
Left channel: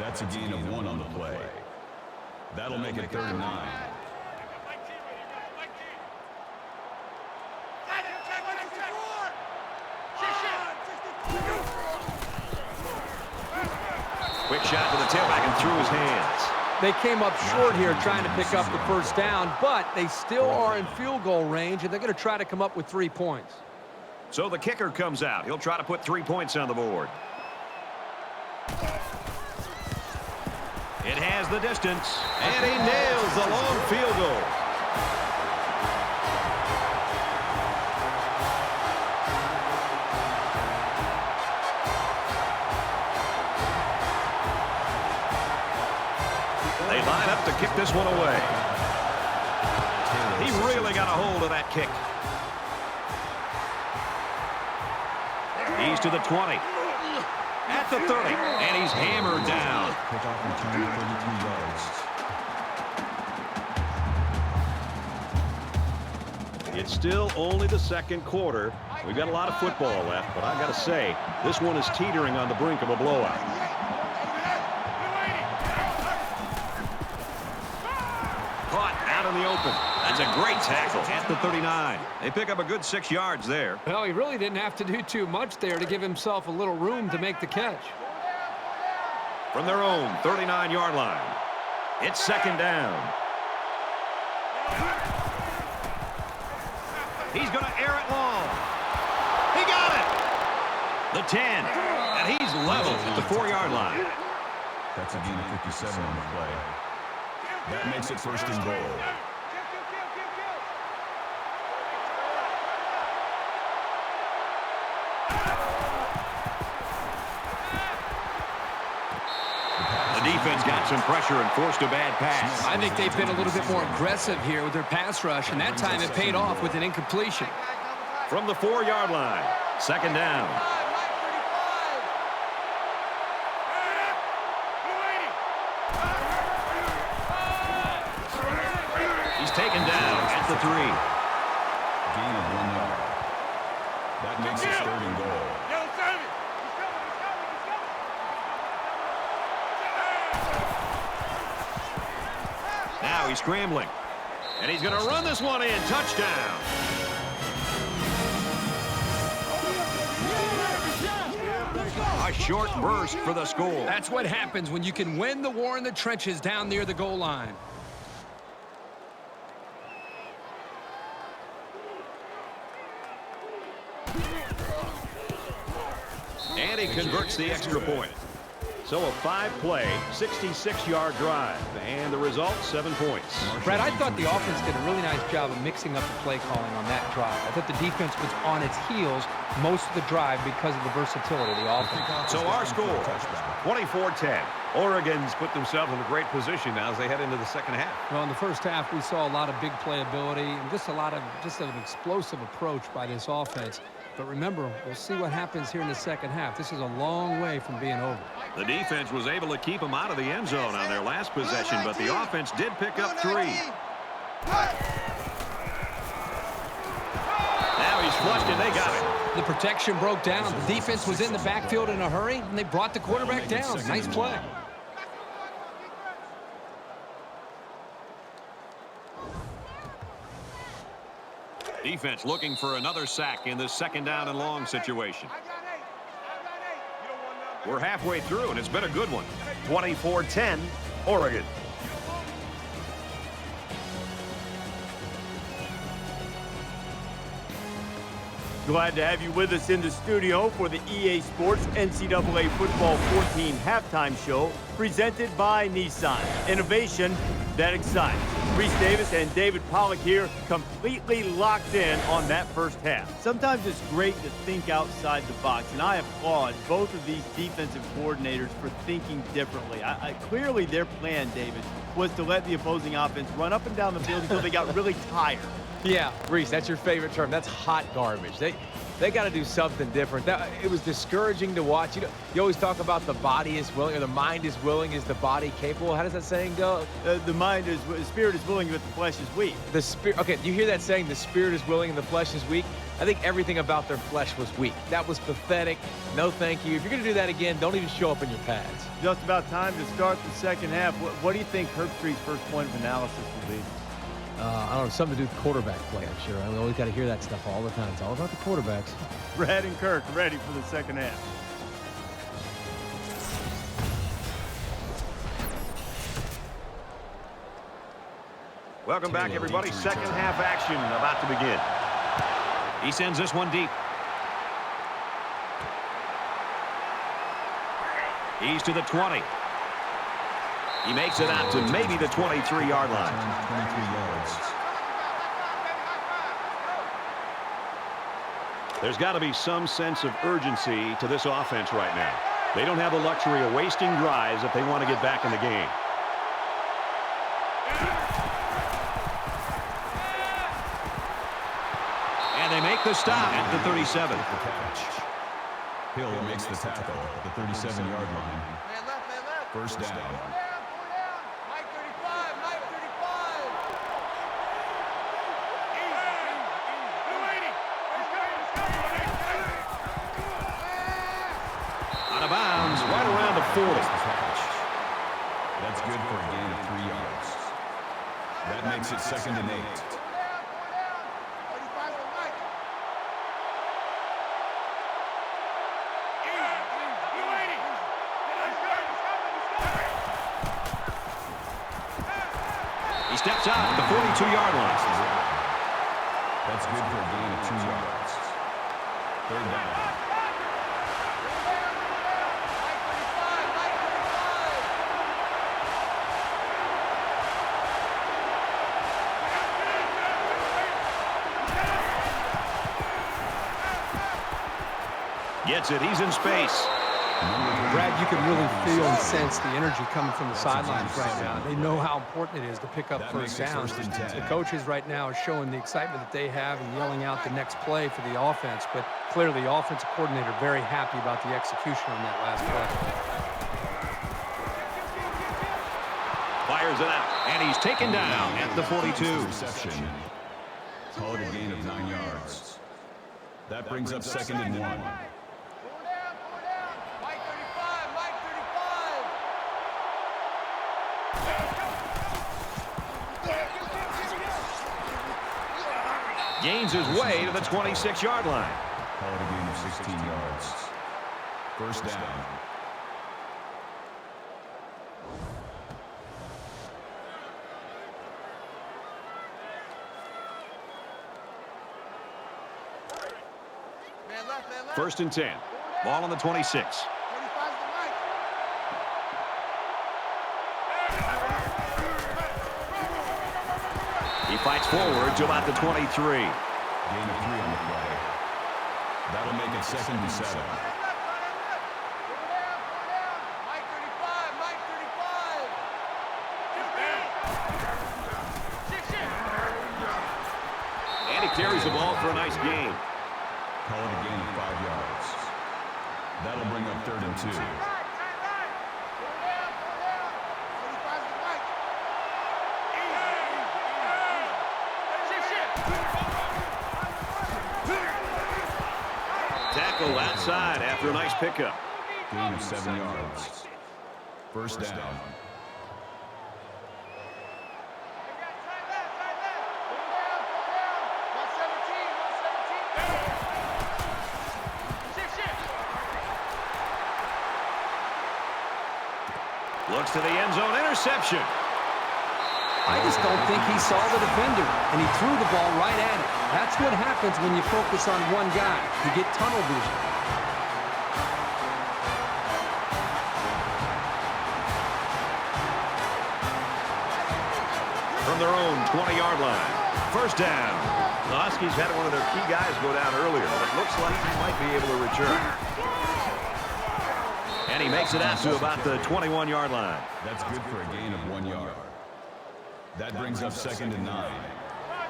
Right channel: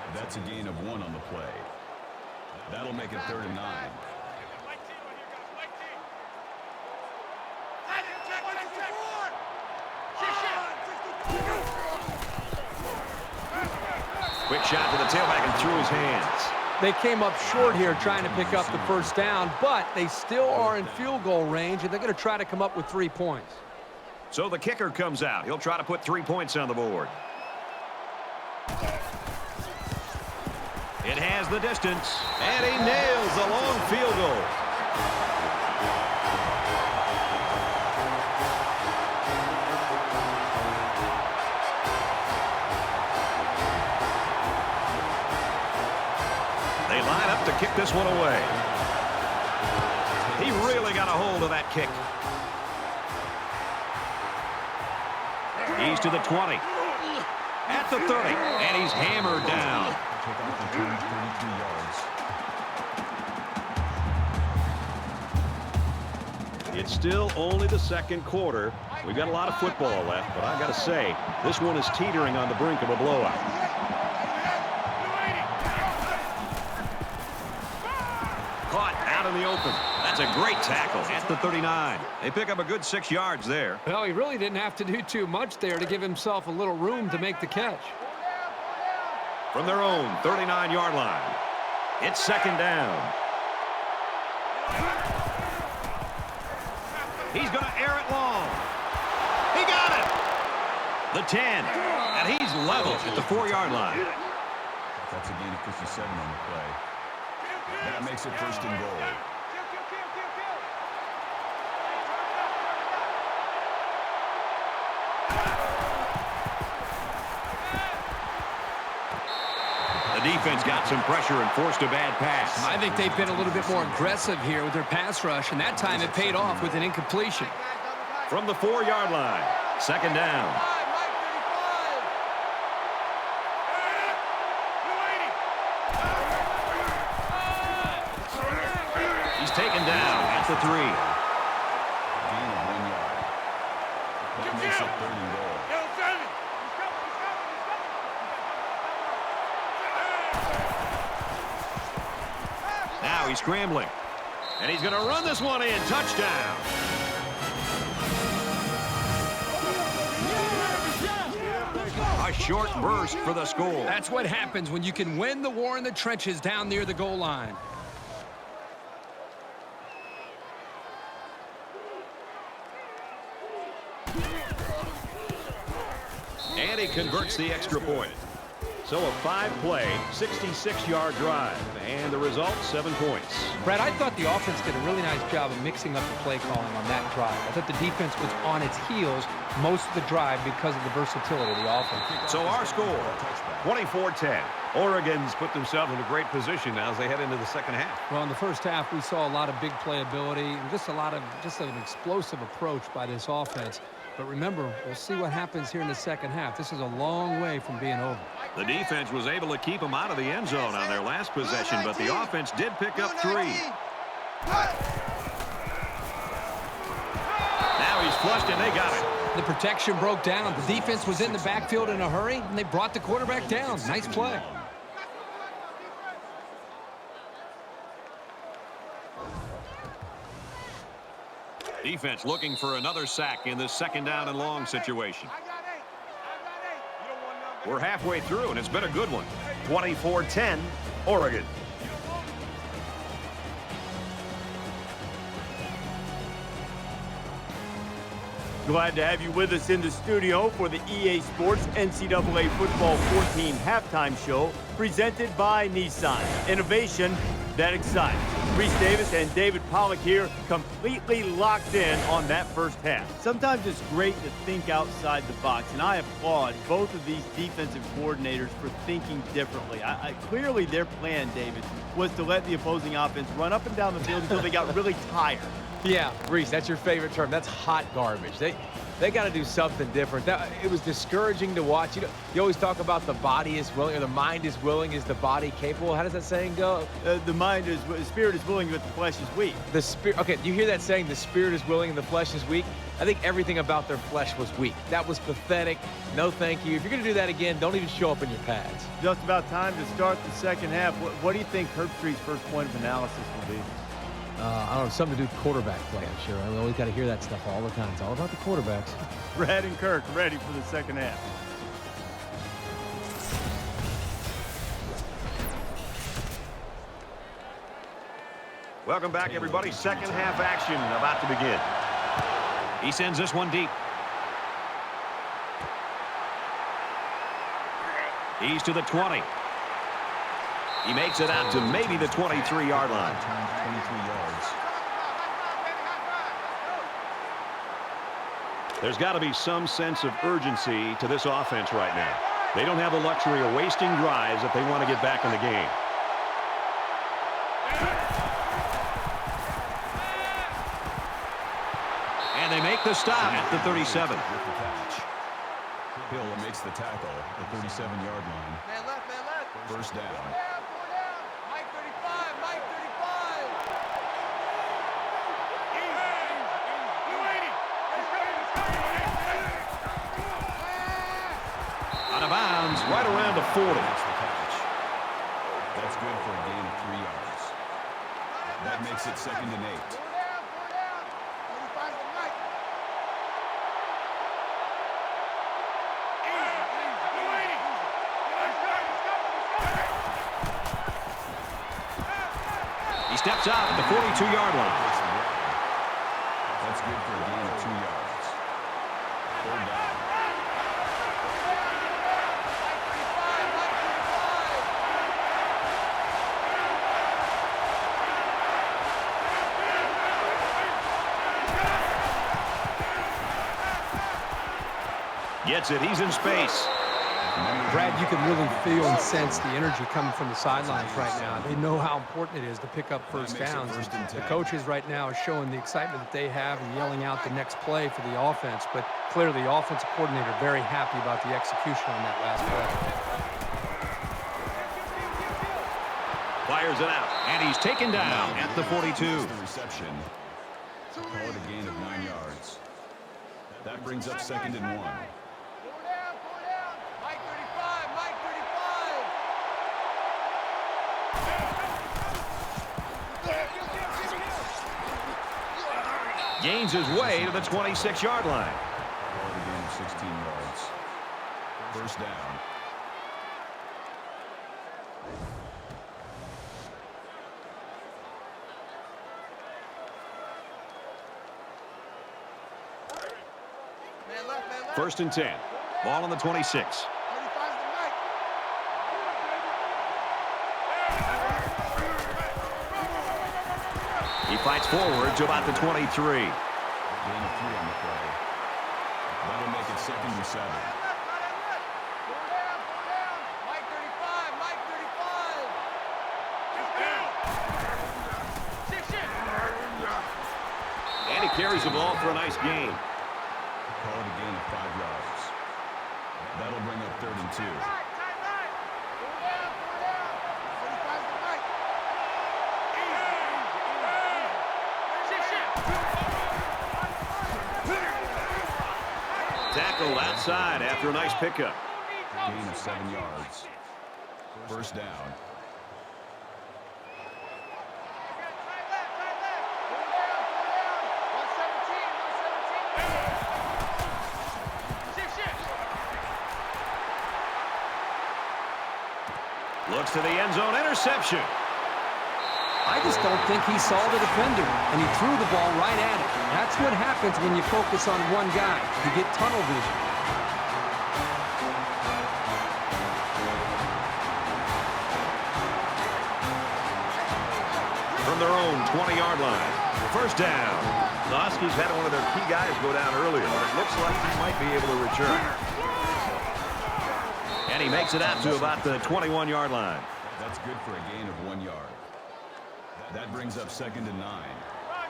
That's a gain of 1 on the play. That'll make it 3rd and 9. Quick shot to the tailback and through his hands. They came up short here trying to pick up the first down, but they still are in field goal range, and they're going to try to come up with 3 points. So the kicker comes out. He'll try to put 3 points on the board. It has the distance, and he nails the long field goal. They line up to kick this one away. He really got a hold of that kick. He's to the 20. At the 30. And he's hammered down. Kickoff return 33 yards. It's still only the second quarter. We've got a lot of football left, but I got to say, this one is teetering on the brink of a blowout. Caught out in the open. That's a great tackle at the 39. They pick up a good 6 yards there. Well, he really didn't have to do too much there to give himself a little room to make the catch. From their own 39-yard line, it's second down. He's going to air it long. He got it. The 10. And he's level at the 4-yard line. That's a gain of 57 on the play. That makes it 1st and goal. The defense got some pressure and forced a bad pass. I think they've been a little bit more aggressive here with their pass rush, and that time it paid off with an incompletion. From the 4-yard line, second down. taken down at the 3. Gain of 1 yard. That makes it 3rd and goal. Yo, Simon. He's coming. He's coming. He's coming. You got double up. Now he's scrambling. And he's going to run this one in. Touchdown. A short burst for the score. That's what happens when you can win the war in the trenches down near the goal line. And he converts the extra point. So a 5-play, 66-yard drive. And the result, 7 points. Brad, I thought the offense did a really nice job of mixing up the play calling on that drive. I thought the defense was on its heels most of the drive because of the versatility of the offense. So our score, 24-10. Oregon's put themselves in a great position now as they head into the second half. Well, in the first half, we saw a lot of big playability and just an explosive approach by this offense. But remember, we'll see what happens here in the second half. This is a long way from being over. The defense was able to keep them out of the end zone on their last possession, but the offense did pick up 3. Now he's flushed, and they got him. The protection broke down. The defense was in the backfield in a hurry, and they brought the quarterback down. Nice play. Defense looking for another sack in this 2nd down and long situation. I got 8. You don't want none, baby. We're halfway through, and it's been a good one. 24-10, Oregon. Glad to have you with us in the studio for the EA Sports NCAA Football 14 halftime show presented by Nissan. Innovation that excites. Reese Davis and David Pollack here, completely locked in on that first half. Sometimes it's great to think outside the box, and I applaud both of these defensive coordinators for thinking differently. Clearly their plan, David, was to let the opposing offense run up and down the field until they got really tired. Yeah, Reese, that's your favorite term. That's hot garbage. They got to do something different. It was discouraging to watch. You always talk about the body is willing, or the mind is willing. Is the body capable? How does that saying go? The spirit is willing, but the flesh is weak. The spirit. Okay, you hear that saying? The spirit is willing and the flesh is weak. I think everything about their flesh was weak. That was pathetic. No, thank you. If you're going to do that again, don't even show up in your pads. Just about time to start the second half. What do you think Herbstreit's first point of analysis will be? I don't know, something to do with quarterback play, I'm sure. We always got to hear that stuff all the time. It's all about the quarterbacks. Brad and Kirk ready for the second half. Welcome back, everybody. Second half action about to begin. He sends this one deep. He's to the 20. He makes it out to maybe the 23-yard line. 23 yards. There's got to be some sense of urgency to this offense right now. They don't have the luxury of wasting drives if they want to get back in the game. And they make the stop at the 37. Hill makes the tackle at the 37-yard line. Man left, man left. First down. 4 down, 4 down. Mike 35, Mike 35. Easy. Blue 80. Let's go, let's go. Out of bounds, right around the 40. That's good for a gain of 3 yards. That makes it 2nd and 8. 4 down, 4 down. 35's the Mike. Blue 80. Let's go, let's go, let's go. He steps out at the 42-yard line. That's good for a gain of 2 yards. 3rd down. Mike 35, Mike 35. Gets it. He's in space. Brad, you can really feel and sense the energy coming from the sidelines right now. They know how important it is to pick up first downs. And the coaches right now are showing the excitement that they have and yelling out the next play for the offense. But clearly, the offensive coordinator very happy about the execution on that last play. Fires it out, and he's taken down at the 42. Reception. Call it a gain of 9 yards. That brings up 2nd and 1. 4 down, 4 down. Mike 35, Mike 35. Gains his way to the 26-yard line. Call it a gain of 16 yards. 1st down. Man left, man left. 1st and 10. Ball on the 26. 35's the Mike. He fights forward to about the 23. Gain of 3 on the play. That'll make it 2nd and 7. Tight end left, tight end left. 4 down, 4 down. Mike 35, Mike 35. 2 down. And he carries the ball for a nice gain. Call it a gain of 5 yards. That'll bring up 3rd and 2. Tight right, tight right. 4 down, 4 down. 35's the Mike. Tackle outside after a nice pickup. Gain of 7 yards. 1st down. We got tight left. 4 down, 4 down. 117, 117. Looks to the end zone, interception. I just don't think he saw the defender, and he threw the ball right at it. That's what happens when you focus on one guy. You get tunnel vision. From their own 20-yard line. 1st down. The Huskies had one of their key guys go down earlier, but it looks like he might be able to return. And he makes it out to about the 21-yard line. That's good for a gain of 1 yard. That brings up 2nd and 9. Roger.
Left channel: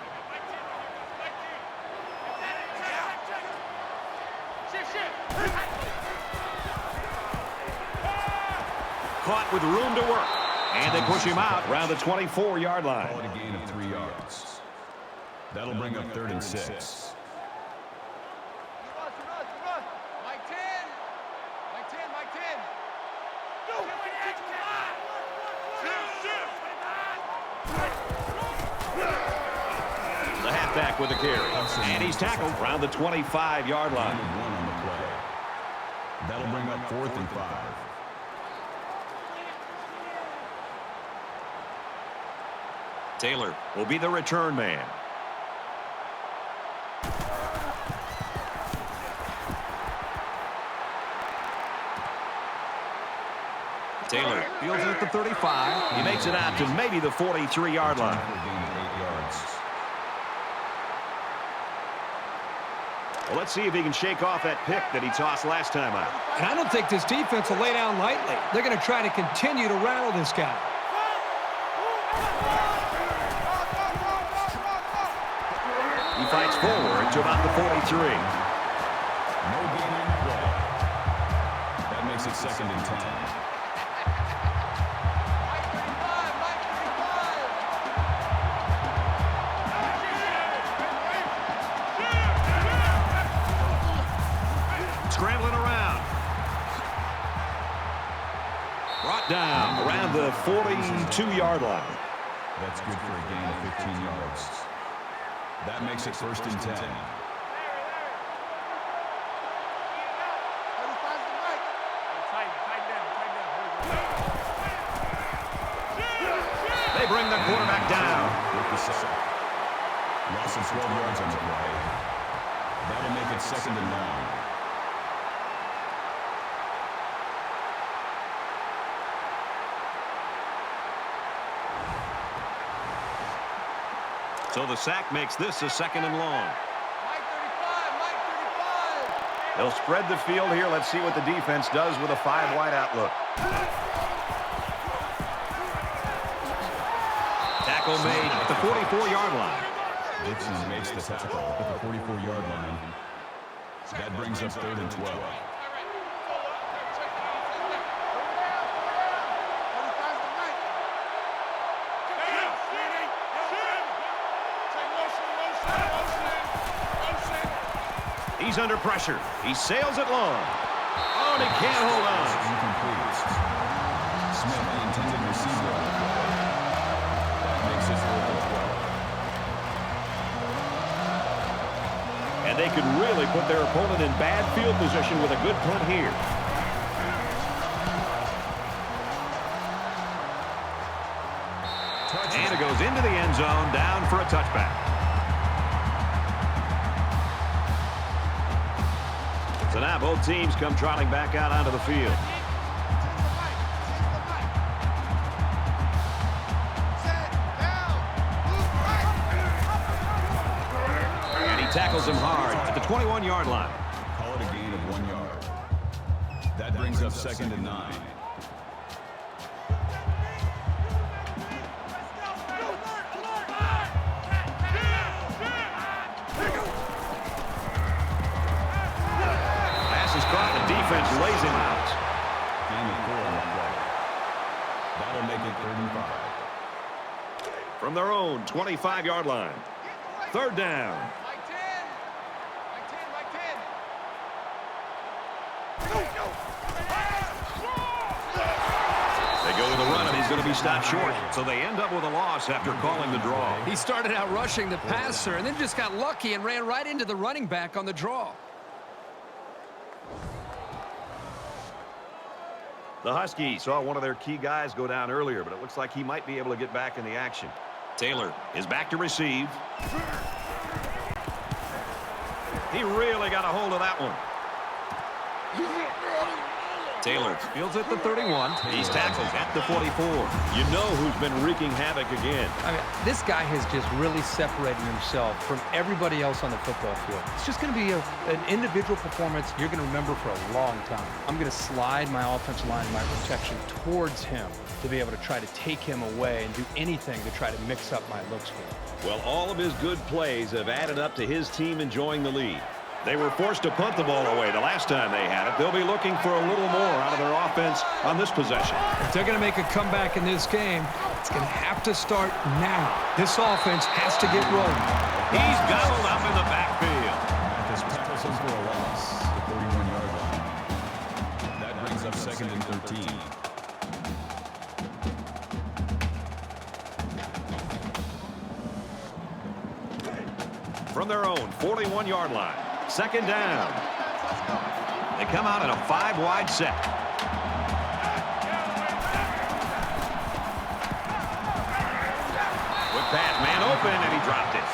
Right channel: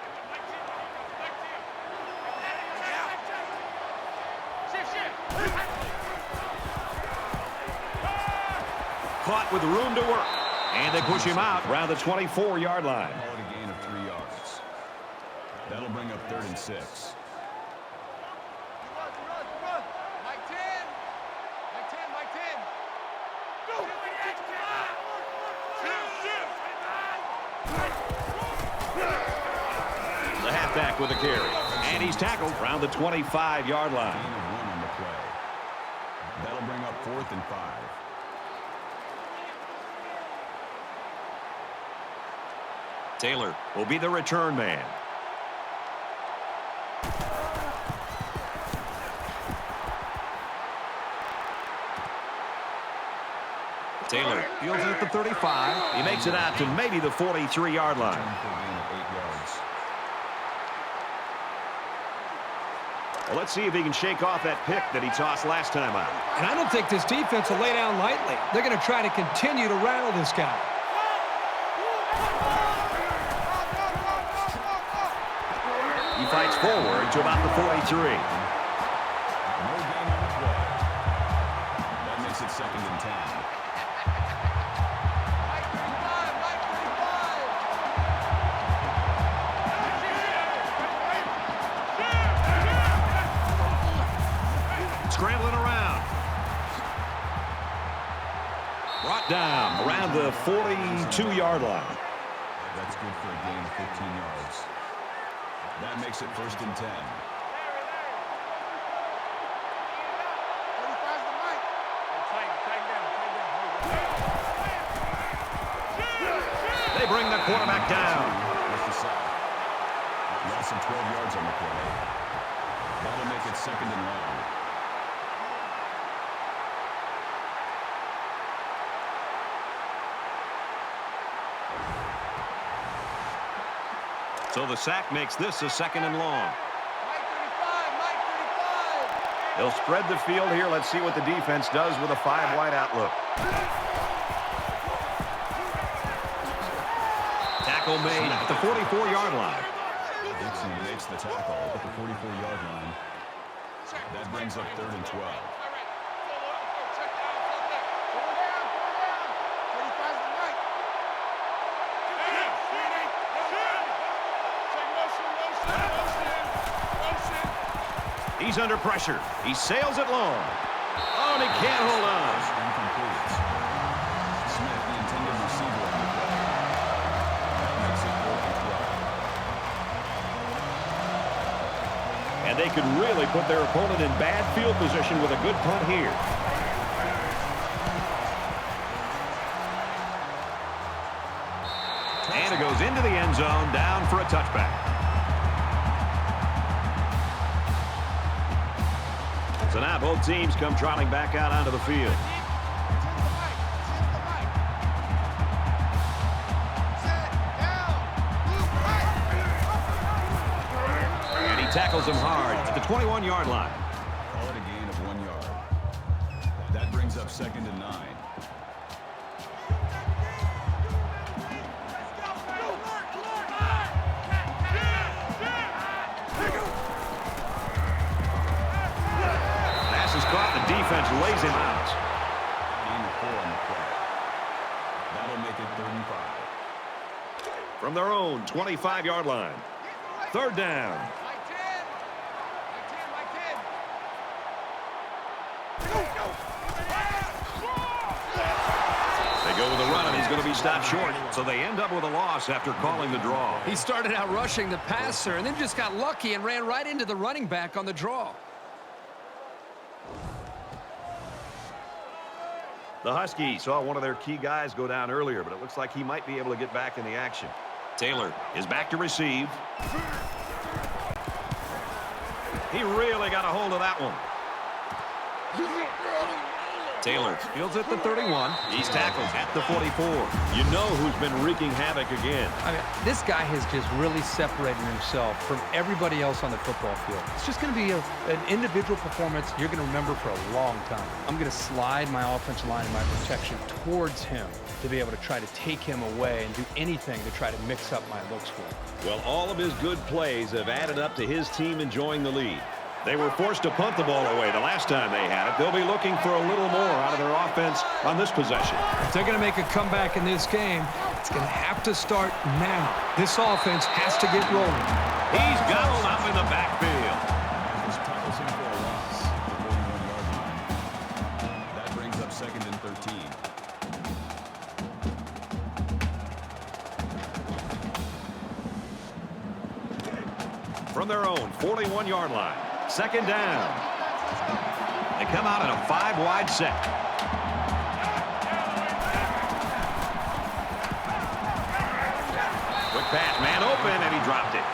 Hey, we got Mike 10 right here, guys. Mike 10. Hey, Shift. Caught with room to work. And they push him out around the 24-yard line. Call it a gain of 3 yards. That'll bring up 3rd and 6. Run. Mike 10. Mike 10. Go. The halfback with the carry. And he's tackled around the 25-yard line. Gain of 1 on the play. That'll bring up 4th and 5. Taylor will be the return man. Taylor fields it at the 35. He makes it out to maybe the 43-yard line. For a gain of 8 yards. Well, let's see if he can shake off that pick that he tossed last time out. And I don't think this defense will lay down lightly. They're going to try to continue to rattle this guy. He fights forward to about the 43. No gain on the play. That makes it 2nd and 10. Mike 35, Mike 35. Scrambling around. Brought down around the 42-yard line. That's good for a gain of 15 yards. That makes it 1st and 10. Larry. 35's the Mike. Hey, tighten down. There you go. They bring the quarterback down. With the sack. Loss of 12 yards on the play. That'll make it 2nd and long. So the sack makes this a 2nd and long. Mike 35. They'll spread the field here. Let's see what the defense does with a 5-wide outlook. Tackle made at the 44-yard line. Dixon makes the tackle at the 44-yard line. That brings up 3rd and 12. Check the outside there. 4 down. 35's the He's under pressure. He sails it long. Oh, and he can't hold on. Incomplete. Smith, the intended receiver. Makes it for And they could really put their opponent in bad field position with a good punt here. And it goes into the end zone, down for a touchback. So now both teams come trotting back out onto the field. And he tackles him hard at the 21-yard line. Call it a gain of 1 yard. That brings up 2nd and 9. Pass is caught. The defense lays him out. Gain of 4 on the play. That'll make it 3rd and 5. From their own 25-yard line. 3rd down. Mike 10. Mike 10. Mike 10. They go with a run, and he's going to be stopped short. So they end up with a loss after calling the draw. He started out rushing the passer and then just got lucky and ran right into the running back on the draw. The Huskies saw one of their key guys go down earlier, but it looks like he might be able to get back in the action. Taylor is back to receive. He really got a hold of that one. Taylor fields at the 31. He's tackled at the 44. You know who's been wreaking havoc again. I mean, this guy has just really separated himself from everybody else on the football field. It's just going to be an individual performance you're going to remember for a long time. I'm going to slide my offensive line and my protection towards him to be able to try to take him away and do anything to try to mix up my looks for him. Well, all of his good plays have added up to his team enjoying the lead. They were forced to punt the ball away the last time they had it. They'll be looking for a little more out of their offense on this possession. If they're going to make a comeback in this game, it's going to have to start now. This offense has to get rolling. He's gobbled up in the backfield. Mathis tackles him for a loss at the 41-yard line. That brings up 2nd and 13. From their own 41-yard line. 2nd down. They come out in a 5-wide set. Quick pass, man open, and he dropped it.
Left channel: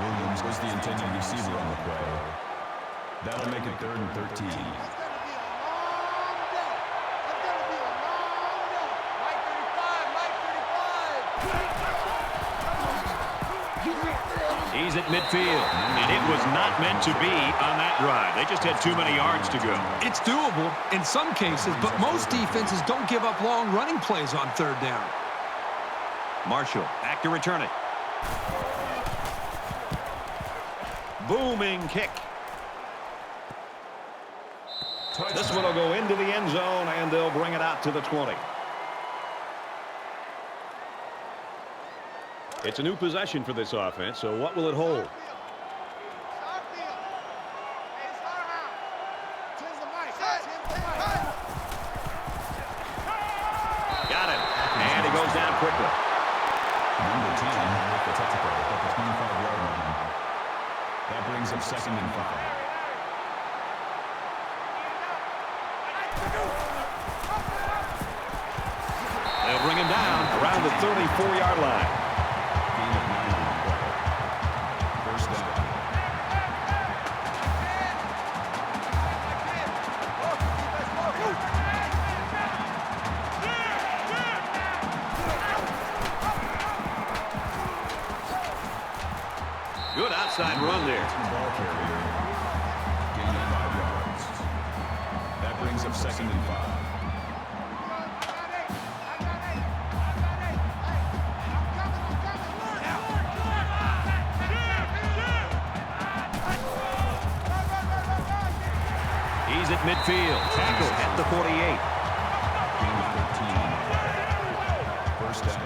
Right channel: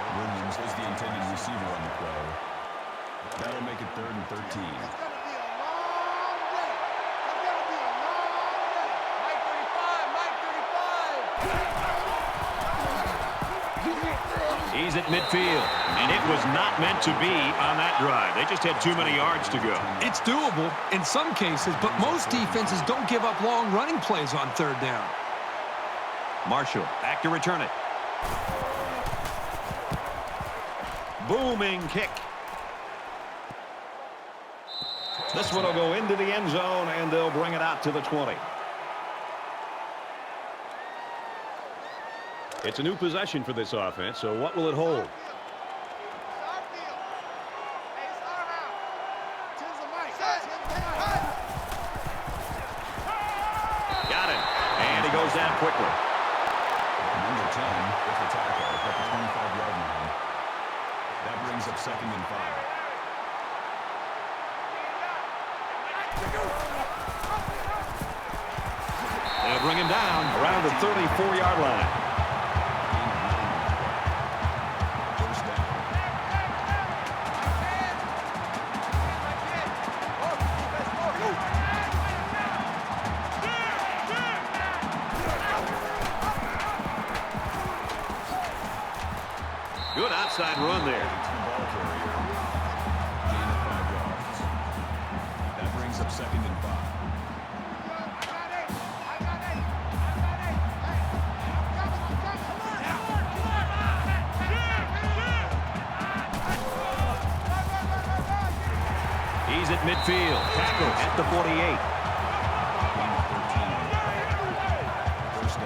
Williams was the intended receiver on the play. That'll make it 3rd and 13. It's going to be a long day. It's going to be a long day. Mike 35. Mike 35. He's at midfield, and it was not meant to be on that drive. They just had too many yards to go. It's doable in some cases, but most defenses don't give up long running plays on 3rd down. Marshall back to return it. Booming kick. This one will go into the end zone, and they'll bring it out to the 20. It's a new possession for this offense, so what will it hold? It's our field. Hey, it's our house. 10's the mic. 10's the mic. Got him, and he goes down quickly. Number 10 with the tackle at the 25-yard line. That brings up 2nd and 5. They'll bring him down around the 34-yard line. Good outside run there. Ball carrier. Gain of 5 yards. That brings up 2nd and 5. He's at midfield. Tackle at the 48. 1st down.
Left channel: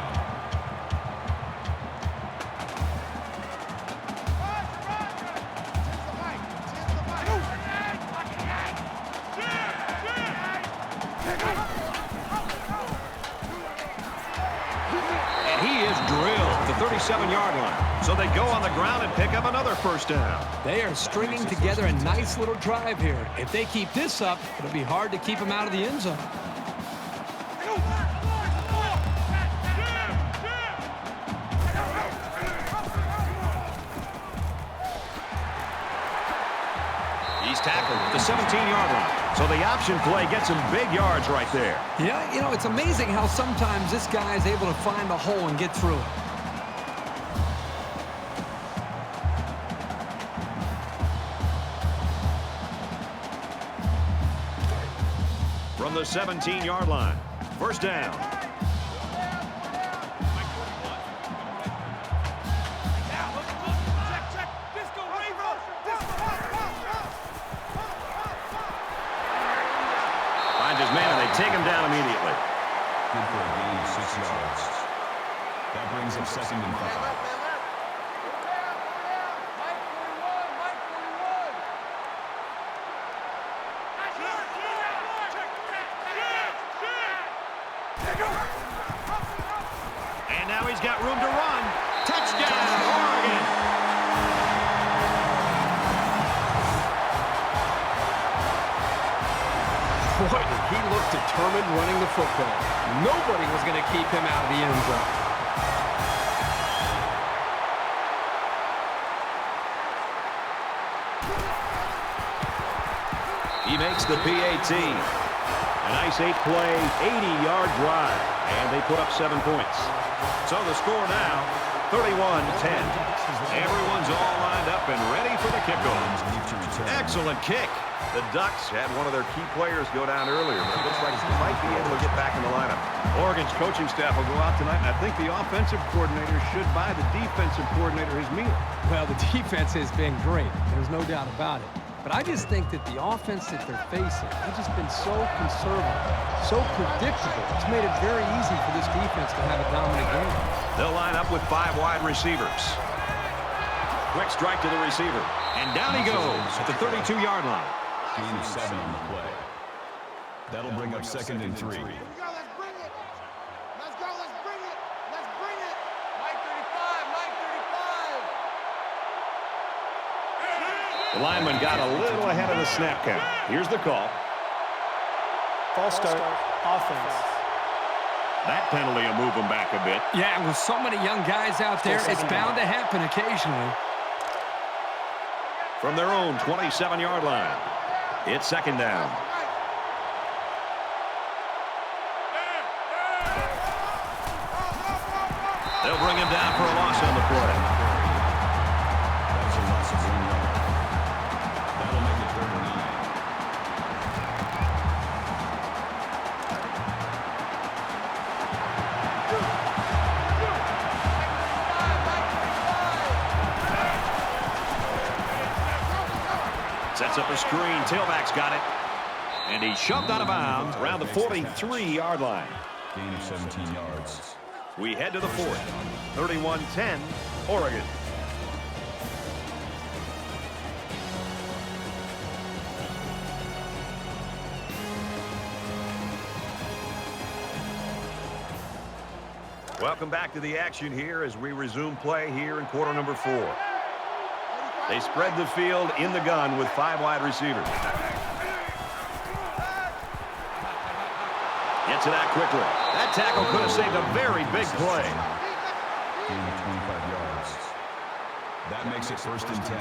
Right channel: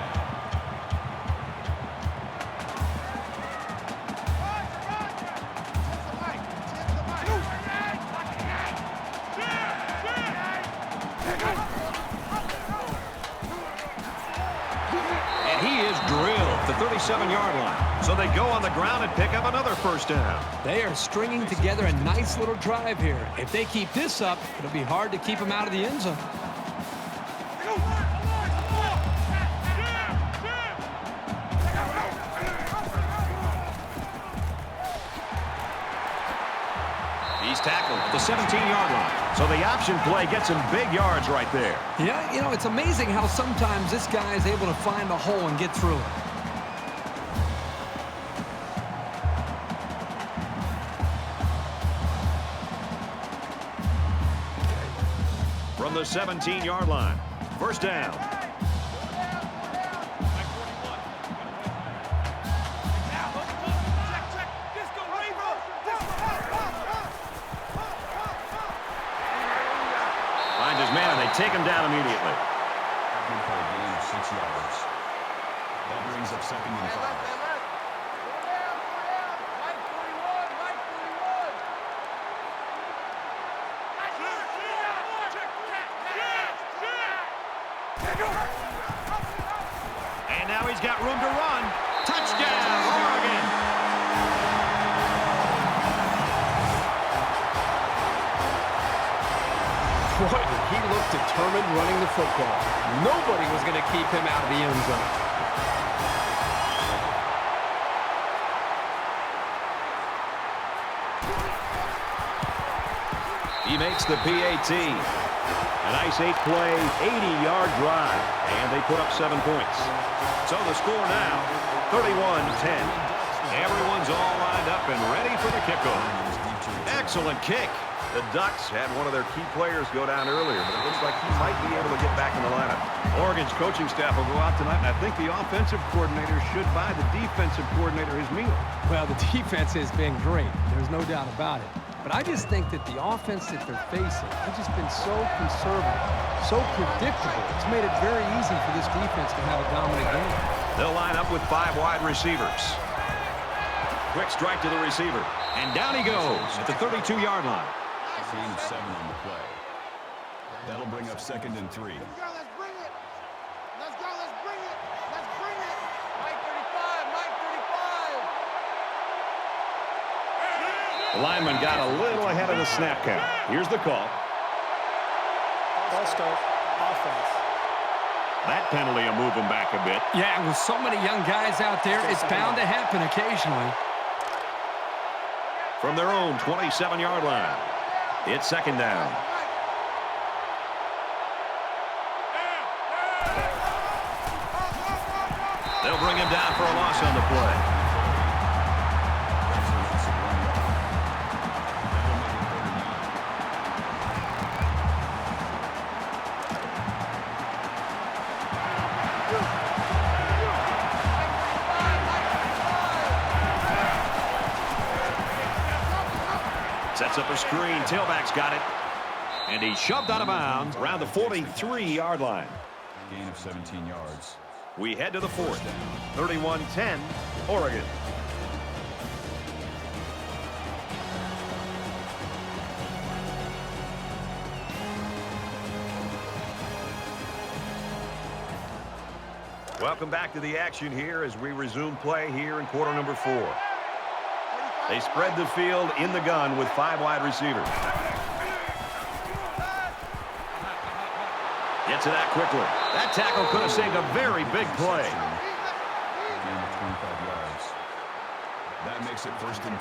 the 37-yard line. So they go on the ground and pick up another first down. They are stringing together a nice little drive here. If they keep this up, it'll be hard to keep them out of the end zone. He's tackled at the 17-yard line. So the option play gets some big yards right there. Yeah, you know, it's amazing how sometimes this guy is able to find a hole and get through it. From the 17-yard line. First down. Finds his man, and they take him down immediately. Good for a gain of 6 yards. That brings up 2nd and 5. Man left, man left. Four down. Mike 41, Mike 41. And now he's got room to run. Touchdown, Oregon. Boy, did he look determined running the football. Nobody was going to keep him out of the end zone. He makes the PAT. A nice 8-play, 80-yard drive, and they put up 7 points. So the score now, 31-10. Everyone's all lined up and ready for the kickoff. Excellent kick. The Ducks had one of their key players go down earlier, but it looks like he might be able to get back in the lineup. Oregon's coaching staff will go out tonight, and I think the offensive coordinator should buy the defensive coordinator his meal. Well, the defense has been great. There's no doubt about it. But I just think that the offense that they're facing has just been so conservative, so predictable. It's made it very easy for this defense to have a dominant game. They'll line up with 5 wide receivers. Quick strike to the receiver. And down he goes at the 32-yard line. Gain of 7 on the play. That'll bring up 2nd and 3. Here we go, let's bring it. Let's go, let's bring it. Let's bring it. Mike 35, Mike 35. The lineman got a little ahead of the snap count. Here's the call. False start, offense. That penalty will move them back a bit. Yeah, with so many young guys out there, it's bound to happen occasionally. From their own 27-yard line, it's 2nd down. They'll bring him down for a loss on the play. That's a loss of 1 yard. That'll make it 3rd and 9. Sets up a screen. Tailback's got it. And he's shoved out of bounds around the 43-yard line. Gain of 17 yards. We head to the 4th. 31-10, Oregon. Welcome back to the action here as we resume play here in quarter number 4. They spread the field in the gun with 5 wide receivers. Gets it out quickly. That tackle could have saved a very big play. Gain of 25 yards. That makes it 1st and 10.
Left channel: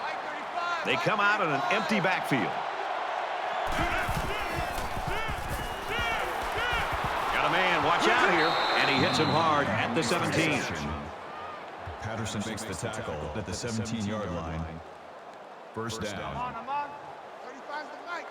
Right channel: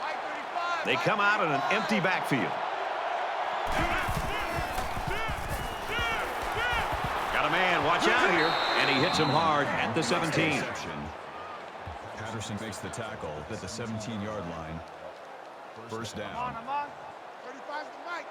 Mike 35. They come out in an empty backfield. Got a man, watch out here. And he hits him hard at the 17. Patterson makes the tackle at the 17-yard line. 1st down. I'm on. 35's the Mike.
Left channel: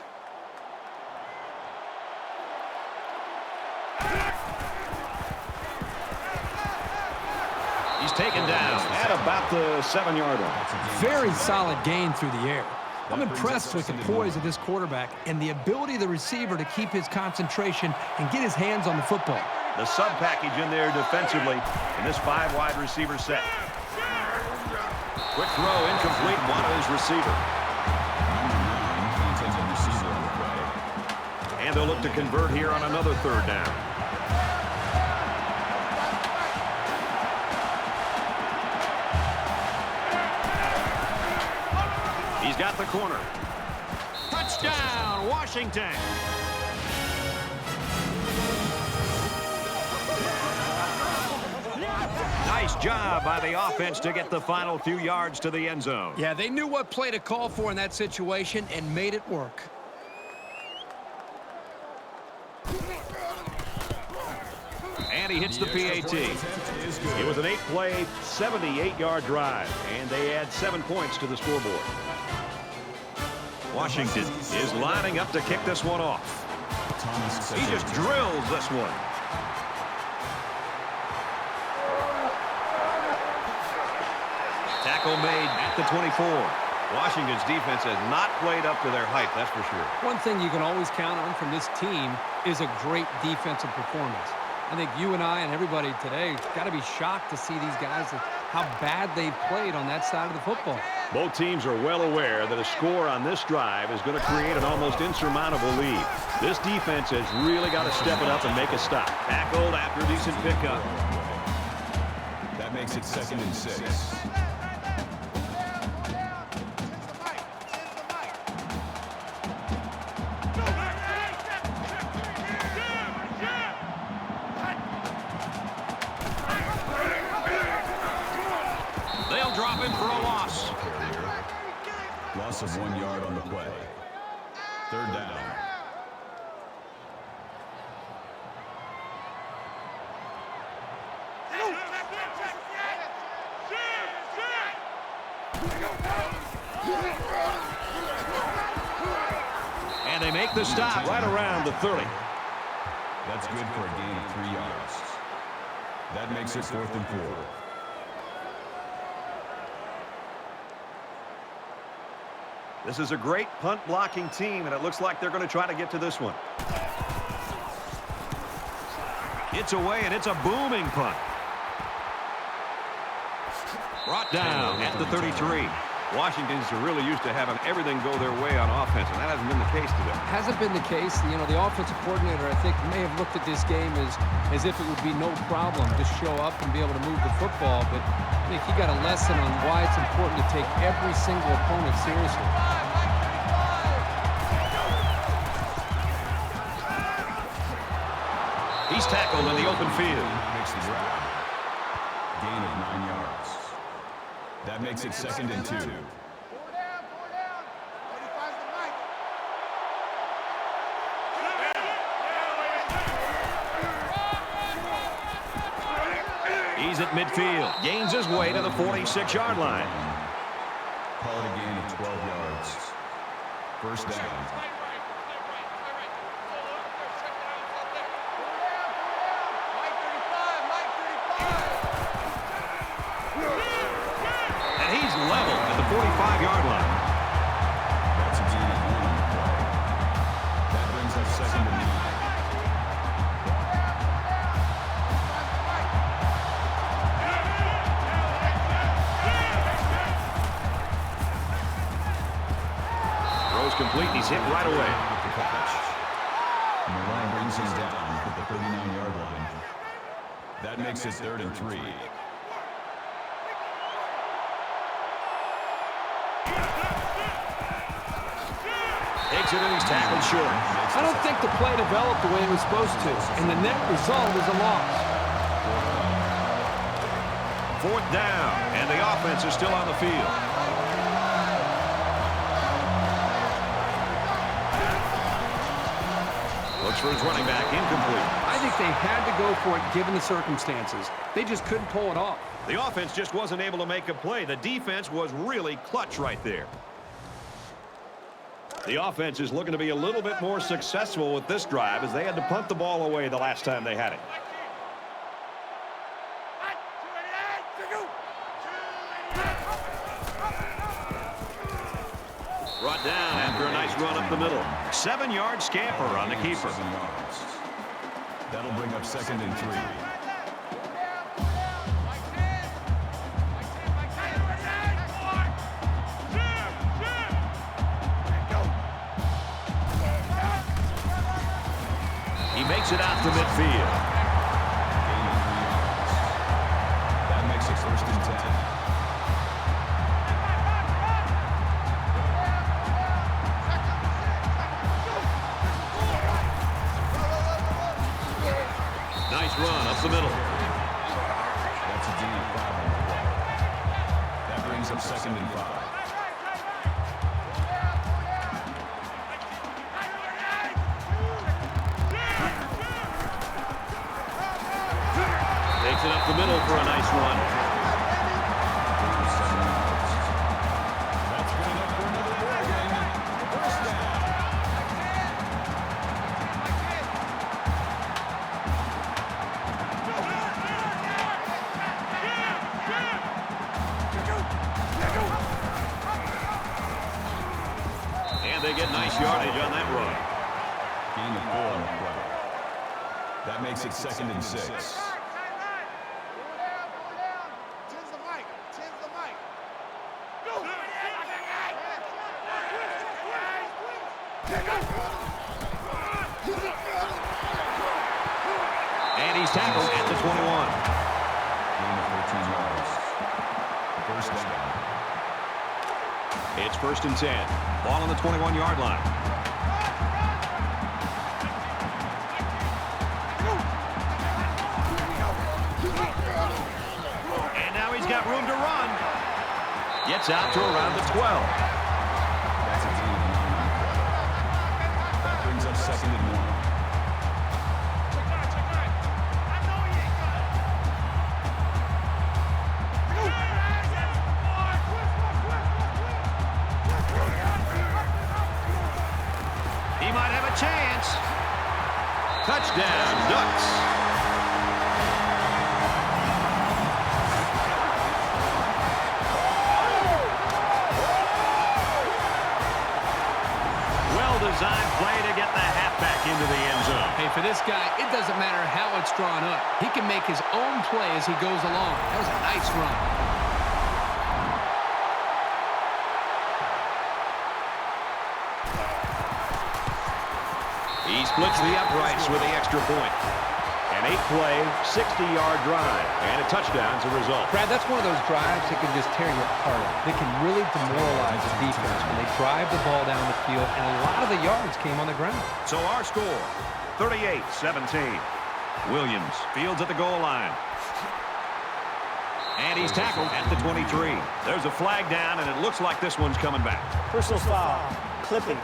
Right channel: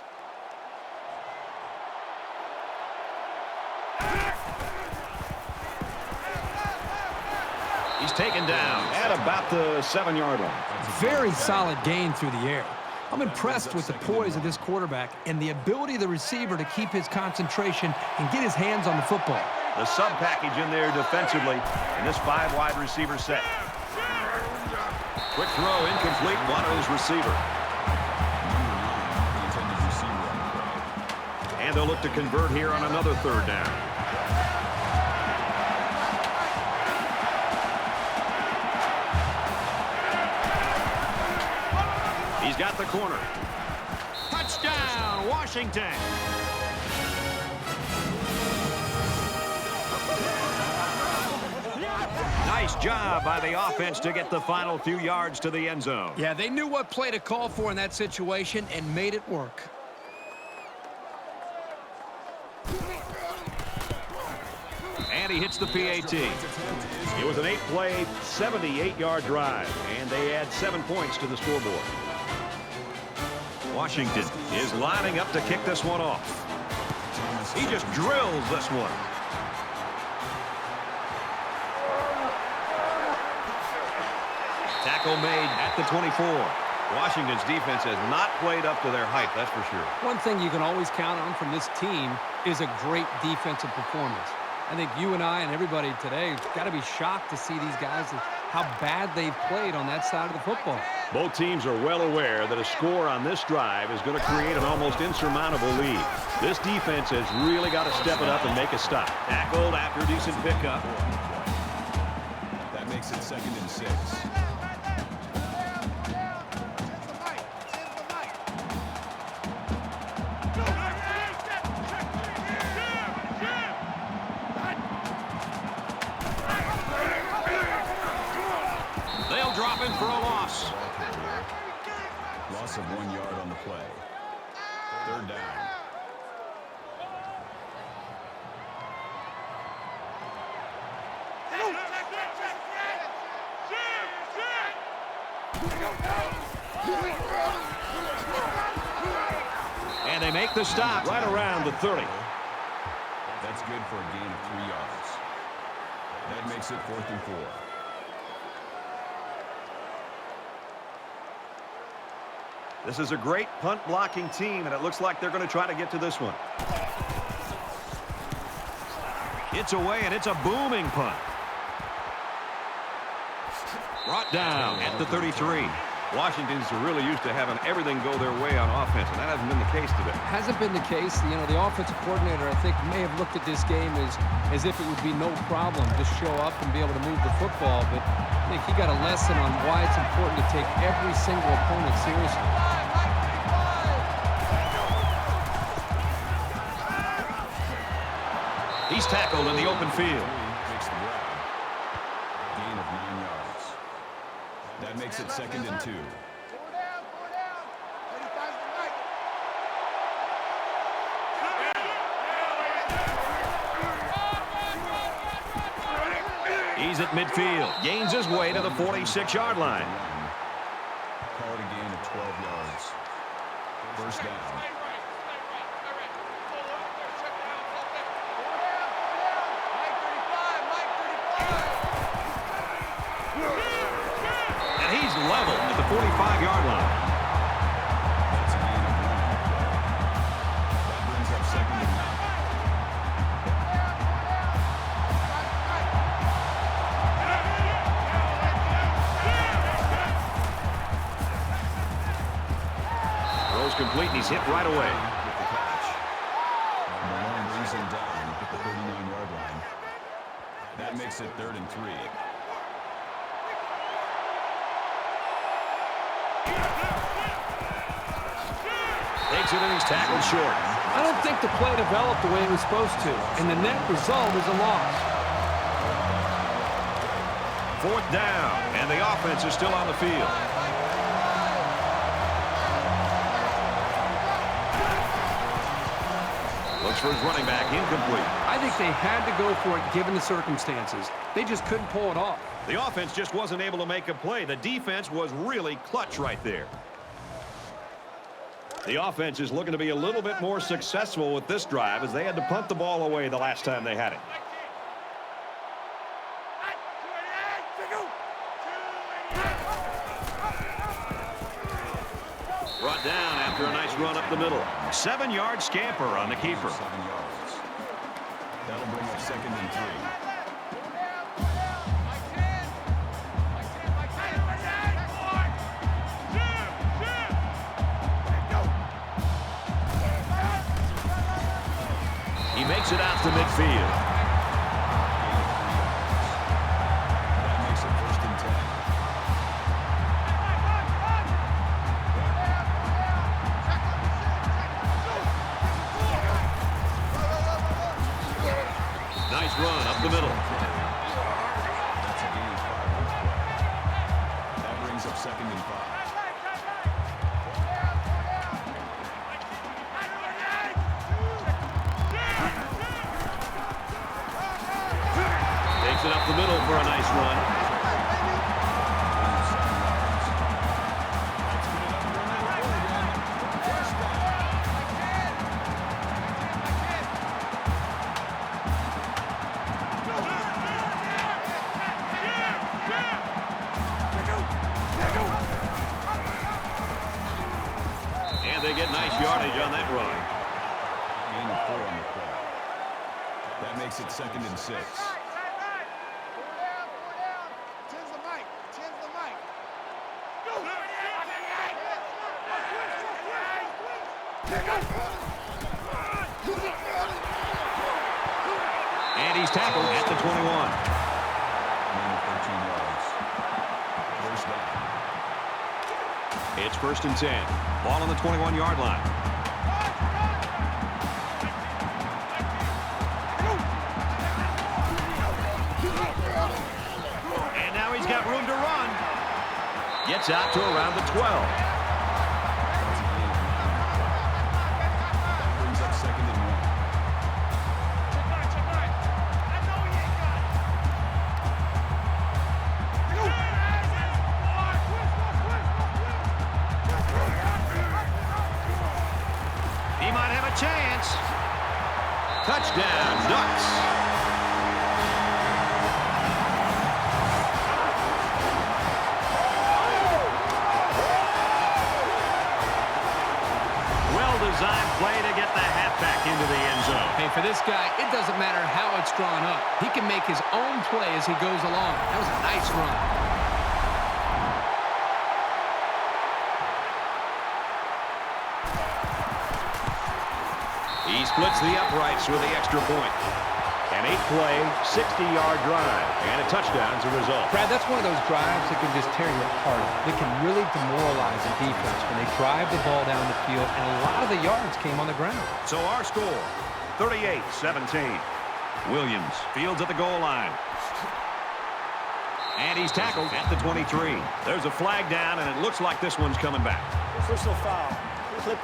He's taken down at about the 7-yard line. Very solid gain through the air. I'm impressed with the poise of this quarterback and the ability of the receiver to keep his concentration and get his hands on the football. The sub package in there defensively in this 5 wide receiver set. Quick throw, incomplete, wanted his receiver. Number 9, the intended receiver on the play. And they'll look to convert here on another 3rd down. He's got the corner. Touchdown, Washington. Nice job by the offense to get the final few yards to the end zone. Yeah, they knew what play to call for in that situation and made it work. And he hits the PAT. It was an 8-play, 78-yard drive, and they add 7 points to the scoreboard. Washington is lining up to kick this one off. He just drills this one. Tackle made at the 24. Washington's defense has not played up to their hype, that's for sure. One thing you can always count on from this team is a great defensive performance. I think you and I and everybody today got to be shocked to see these guys, how bad they've played on that side of the football. Both teams are well aware that a score on this drive is going to create an almost insurmountable lead. This defense has really got to step it up and make a stop. Tackled after a decent pickup. That makes it 2nd and 6. They'll drop him for a loss. Loss of 1 yard on the play. 3rd down. And they make the stop right around the 30. That's good for a gain of 3 yards. That makes it 4th and 4. This is a great punt blocking team, and it looks like they're going to try to get to this one. It's away, and it's a booming punt. Brought down at the 33. Washington's really used to having everything go their way on offense, and that hasn't been the case today. Hasn't been the case. You know, the offensive coordinator, I think, may have looked at this game as if it would be no problem to show up and be able to move the football, but I think he got a lesson on why it's important to take every single opponent seriously. He's tackled in the open field. Makes the grab. Gain of 9 yards. That makes it 2nd and 2. 4 down, 4 down. 35's the mic. He's at midfield. Gains his way to the 46-yard line. Call it a gain of 12 yards. 1st down. Tight right. Solo out there. Check the outs out there. 4 down, 4 down. Mike 35, Mike 35. And he's level at the 45-yard line. That's a gain of 1 on the play. That brings up 2nd and 9. 4 down, 4 down. 35's the mic. Throws complete, and he's hit right away. With the catch. Malone brings him down at the 39-yard line. That makes it 3rd and 3. Takes it, and he's tackled short. I don't think the play developed the way it was supposed to, and the net result is a loss. 4th down, and the offense is still on the field. Looks for his running back, incomplete. I think they had to go for it given the circumstances. They just couldn't pull it off. The offense just wasn't able to make a play. The defense was really clutch right there. The offense is looking to be a little bit more successful with this drive as they had to punt the ball away the last time they had it. Brought down after a nice run up the middle. 7-yard scamper on the keeper. 7 yards. That'll bring up 2nd and 3. 4 down, 4 down. Mike 10. Mike 10, Mike 10. He makes it out to midfield. That makes it 1st and 10. the middle. That's a gain of 5 on the play. That brings up 2nd and 5. Takes it up the middle for a nice run. 7 yards. That's good enough for another play. First down. And they get nice yardage on that run. Gain of 4 on the play. That makes it 2nd and 6. And he's tackled at the 21. Gain of 14 yards. First down. It's 1st and 10. Ball on the 21-yard line. And now he's got room to run. Gets out to around the 12. That brings up 2nd and 1. Check nine. I know he ain't got it. He might have a chance. Touchdown, Ducks. Well-designed play to get the halfback into the end zone. Hey, for this guy, it doesn't matter how it's drawn up. He can make his own play as he goes along. That was a nice run. He splits the uprights with the extra point. An 8-play, 60-yard drive, and a touchdown as a result. Brad, that's one of those drives that can just tear your heart out. They can really demoralize a defense when they drive the ball down the field, and a lot of the yards came on the ground. So our score, 38-17. Williams fields at the goal line. And he's tackled at the 23. There's a flag down, and it looks like this one's coming back. Personal foul. Clipping.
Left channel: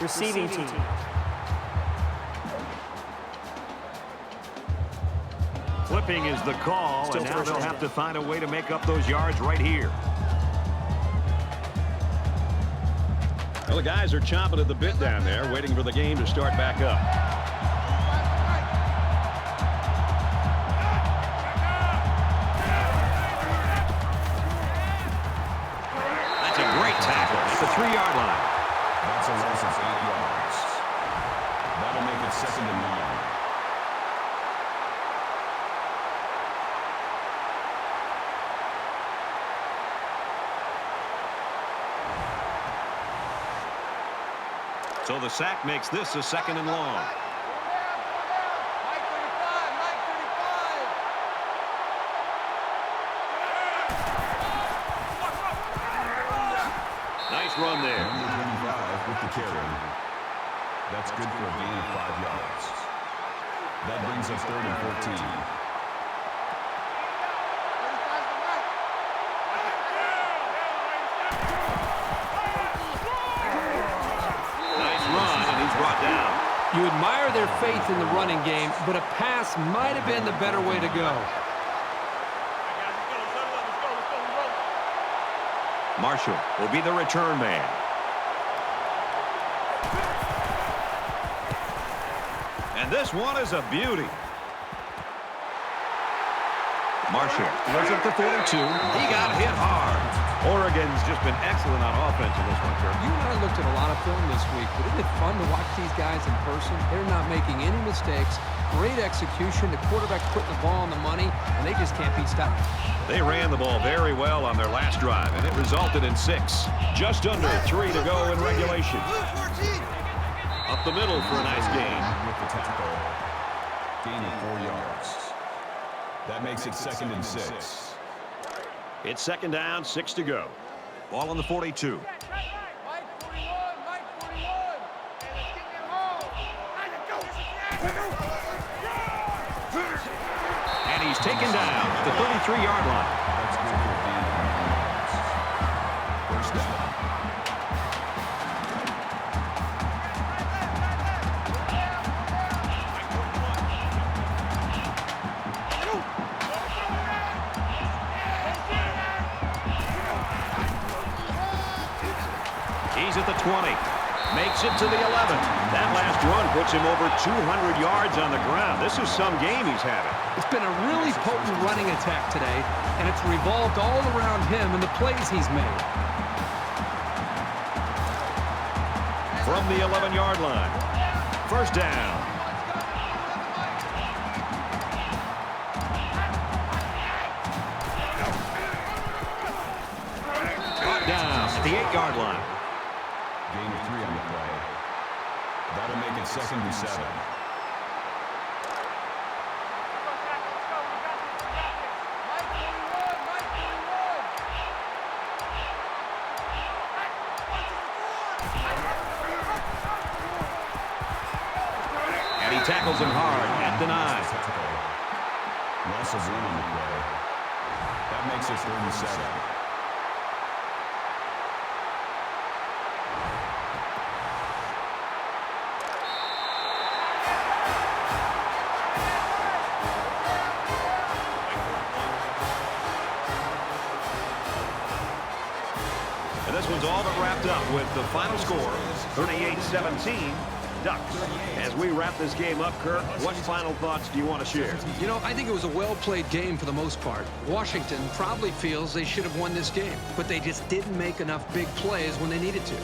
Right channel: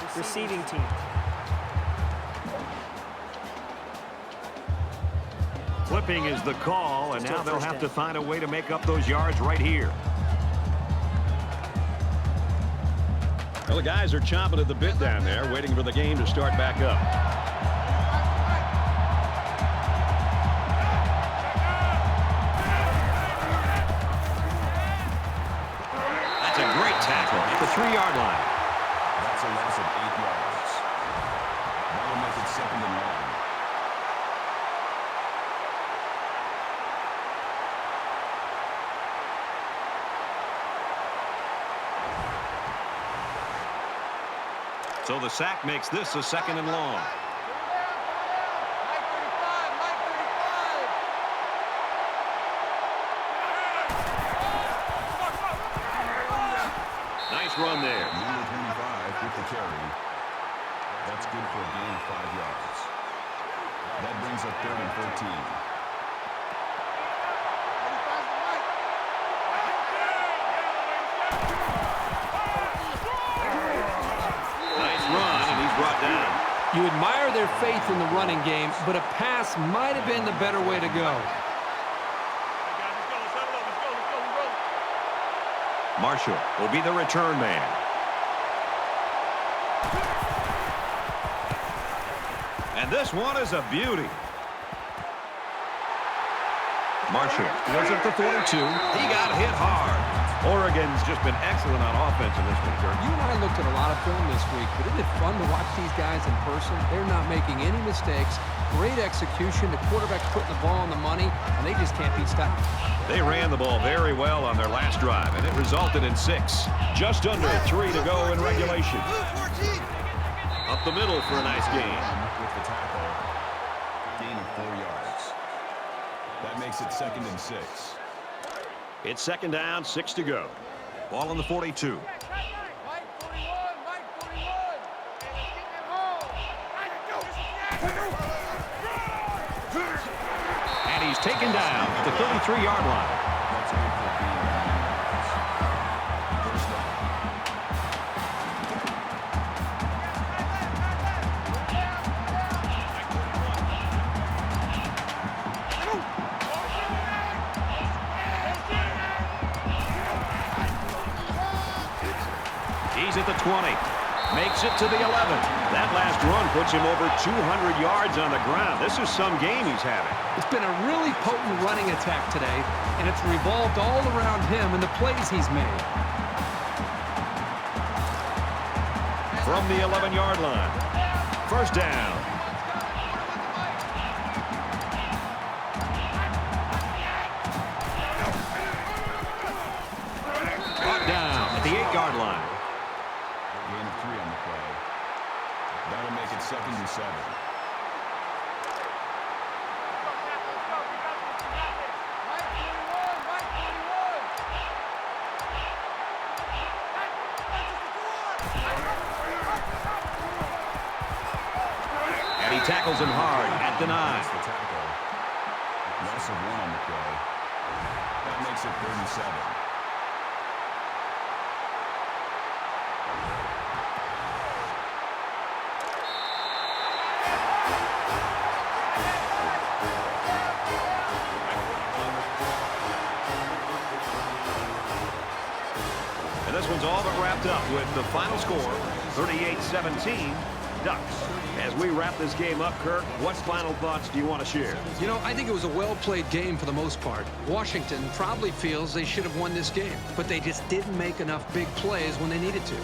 Receiving team. Flipping is the call, and now they'll have to find a way to make up those yards right here. Well, the guys are chomping at the bit down there, waiting for the game to start back up. That's a great tackle at the 3-yard line. That's a loss of 8 yards. That'll make it 2nd and 1. So the sack makes this a 2nd and long. Mike 35, Mike 35. Nice run there. Number 25 with the carry. That's good for a gain of 5 yards. That brings up 3rd and 14. 35's the Mike. Nice run, and he's brought down. You admire their faith in the running game, but a pass might have been the better way to go. Hey guys, let's go. Let's settle up. Let's go. We rolling. Marshall will be the return man. And this one is a beauty. Marshall goes up to 42. He got hit hard. Oregon's just been excellent on offense in this one, Kirk. You and I looked at a lot of film this week, but isn't it fun to watch these guys in person? They're not making any mistakes. Great execution. The quarterback's putting the ball on the money, and they just can't be stopped. They ran the ball very well on their last drive, and it resulted in 6. Just under 3 to go in regulation. Up the middle for a nice gain. With the tackle. Gain of 4 yards. That makes it 2nd and 6. It's 2nd down, 6 to go. Ball on the 42. Mike 41, Mike 41. And let's get them home. I can go. he's taken down at the 33-yard line. That's good for a gain of 9 yards. First down. He's at the 20. Makes it to the 11. That last run puts him over 200 yards on the ground. This is some game he's having. It's been a really potent running attack today, and it's revolved all around him and the plays he's made. From the 11-yard line. First down. Brought down at the 8-yard line. Gain of 3 on the play. That'll make it 2nd and 7. Let's go. We got this. Mike 41. Mike 41. And he tackles him hard at the 9. Loss of 1 on the play. That makes it 3rd and 7. And this one's all but wrapped up with the final score, 38-17, Ducks. As we wrap this game up, Kirk, what final thoughts do you want to share? You know, I think it was a well-played game for the most part. Washington probably feels they should have won this game, but they just didn't make enough big plays when they needed to.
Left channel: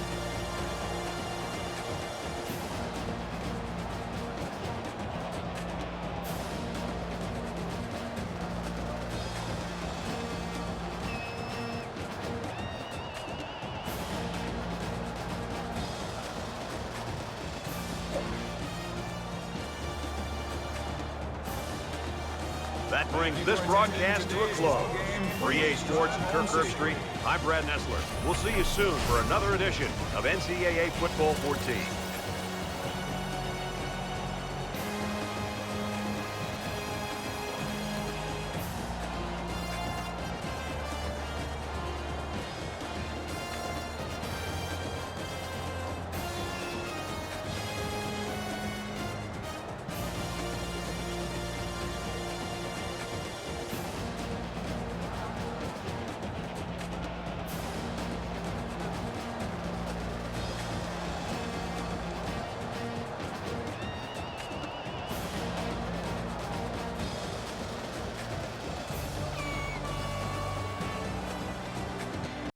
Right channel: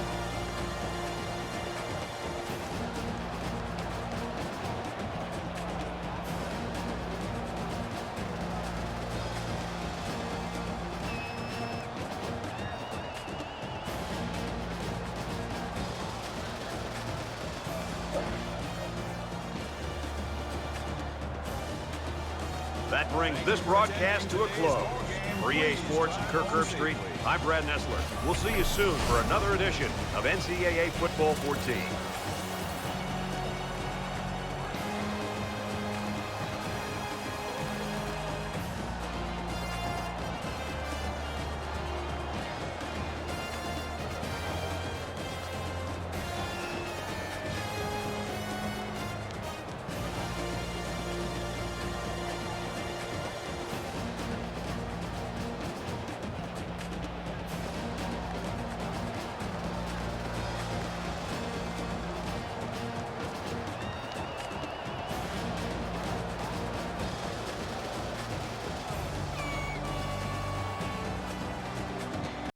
That brings this broadcast to a close. For EA Sports and Kirk Herbstreit, I'm Brad Nessler. We'll see you soon for another edition of NCAA Football 14.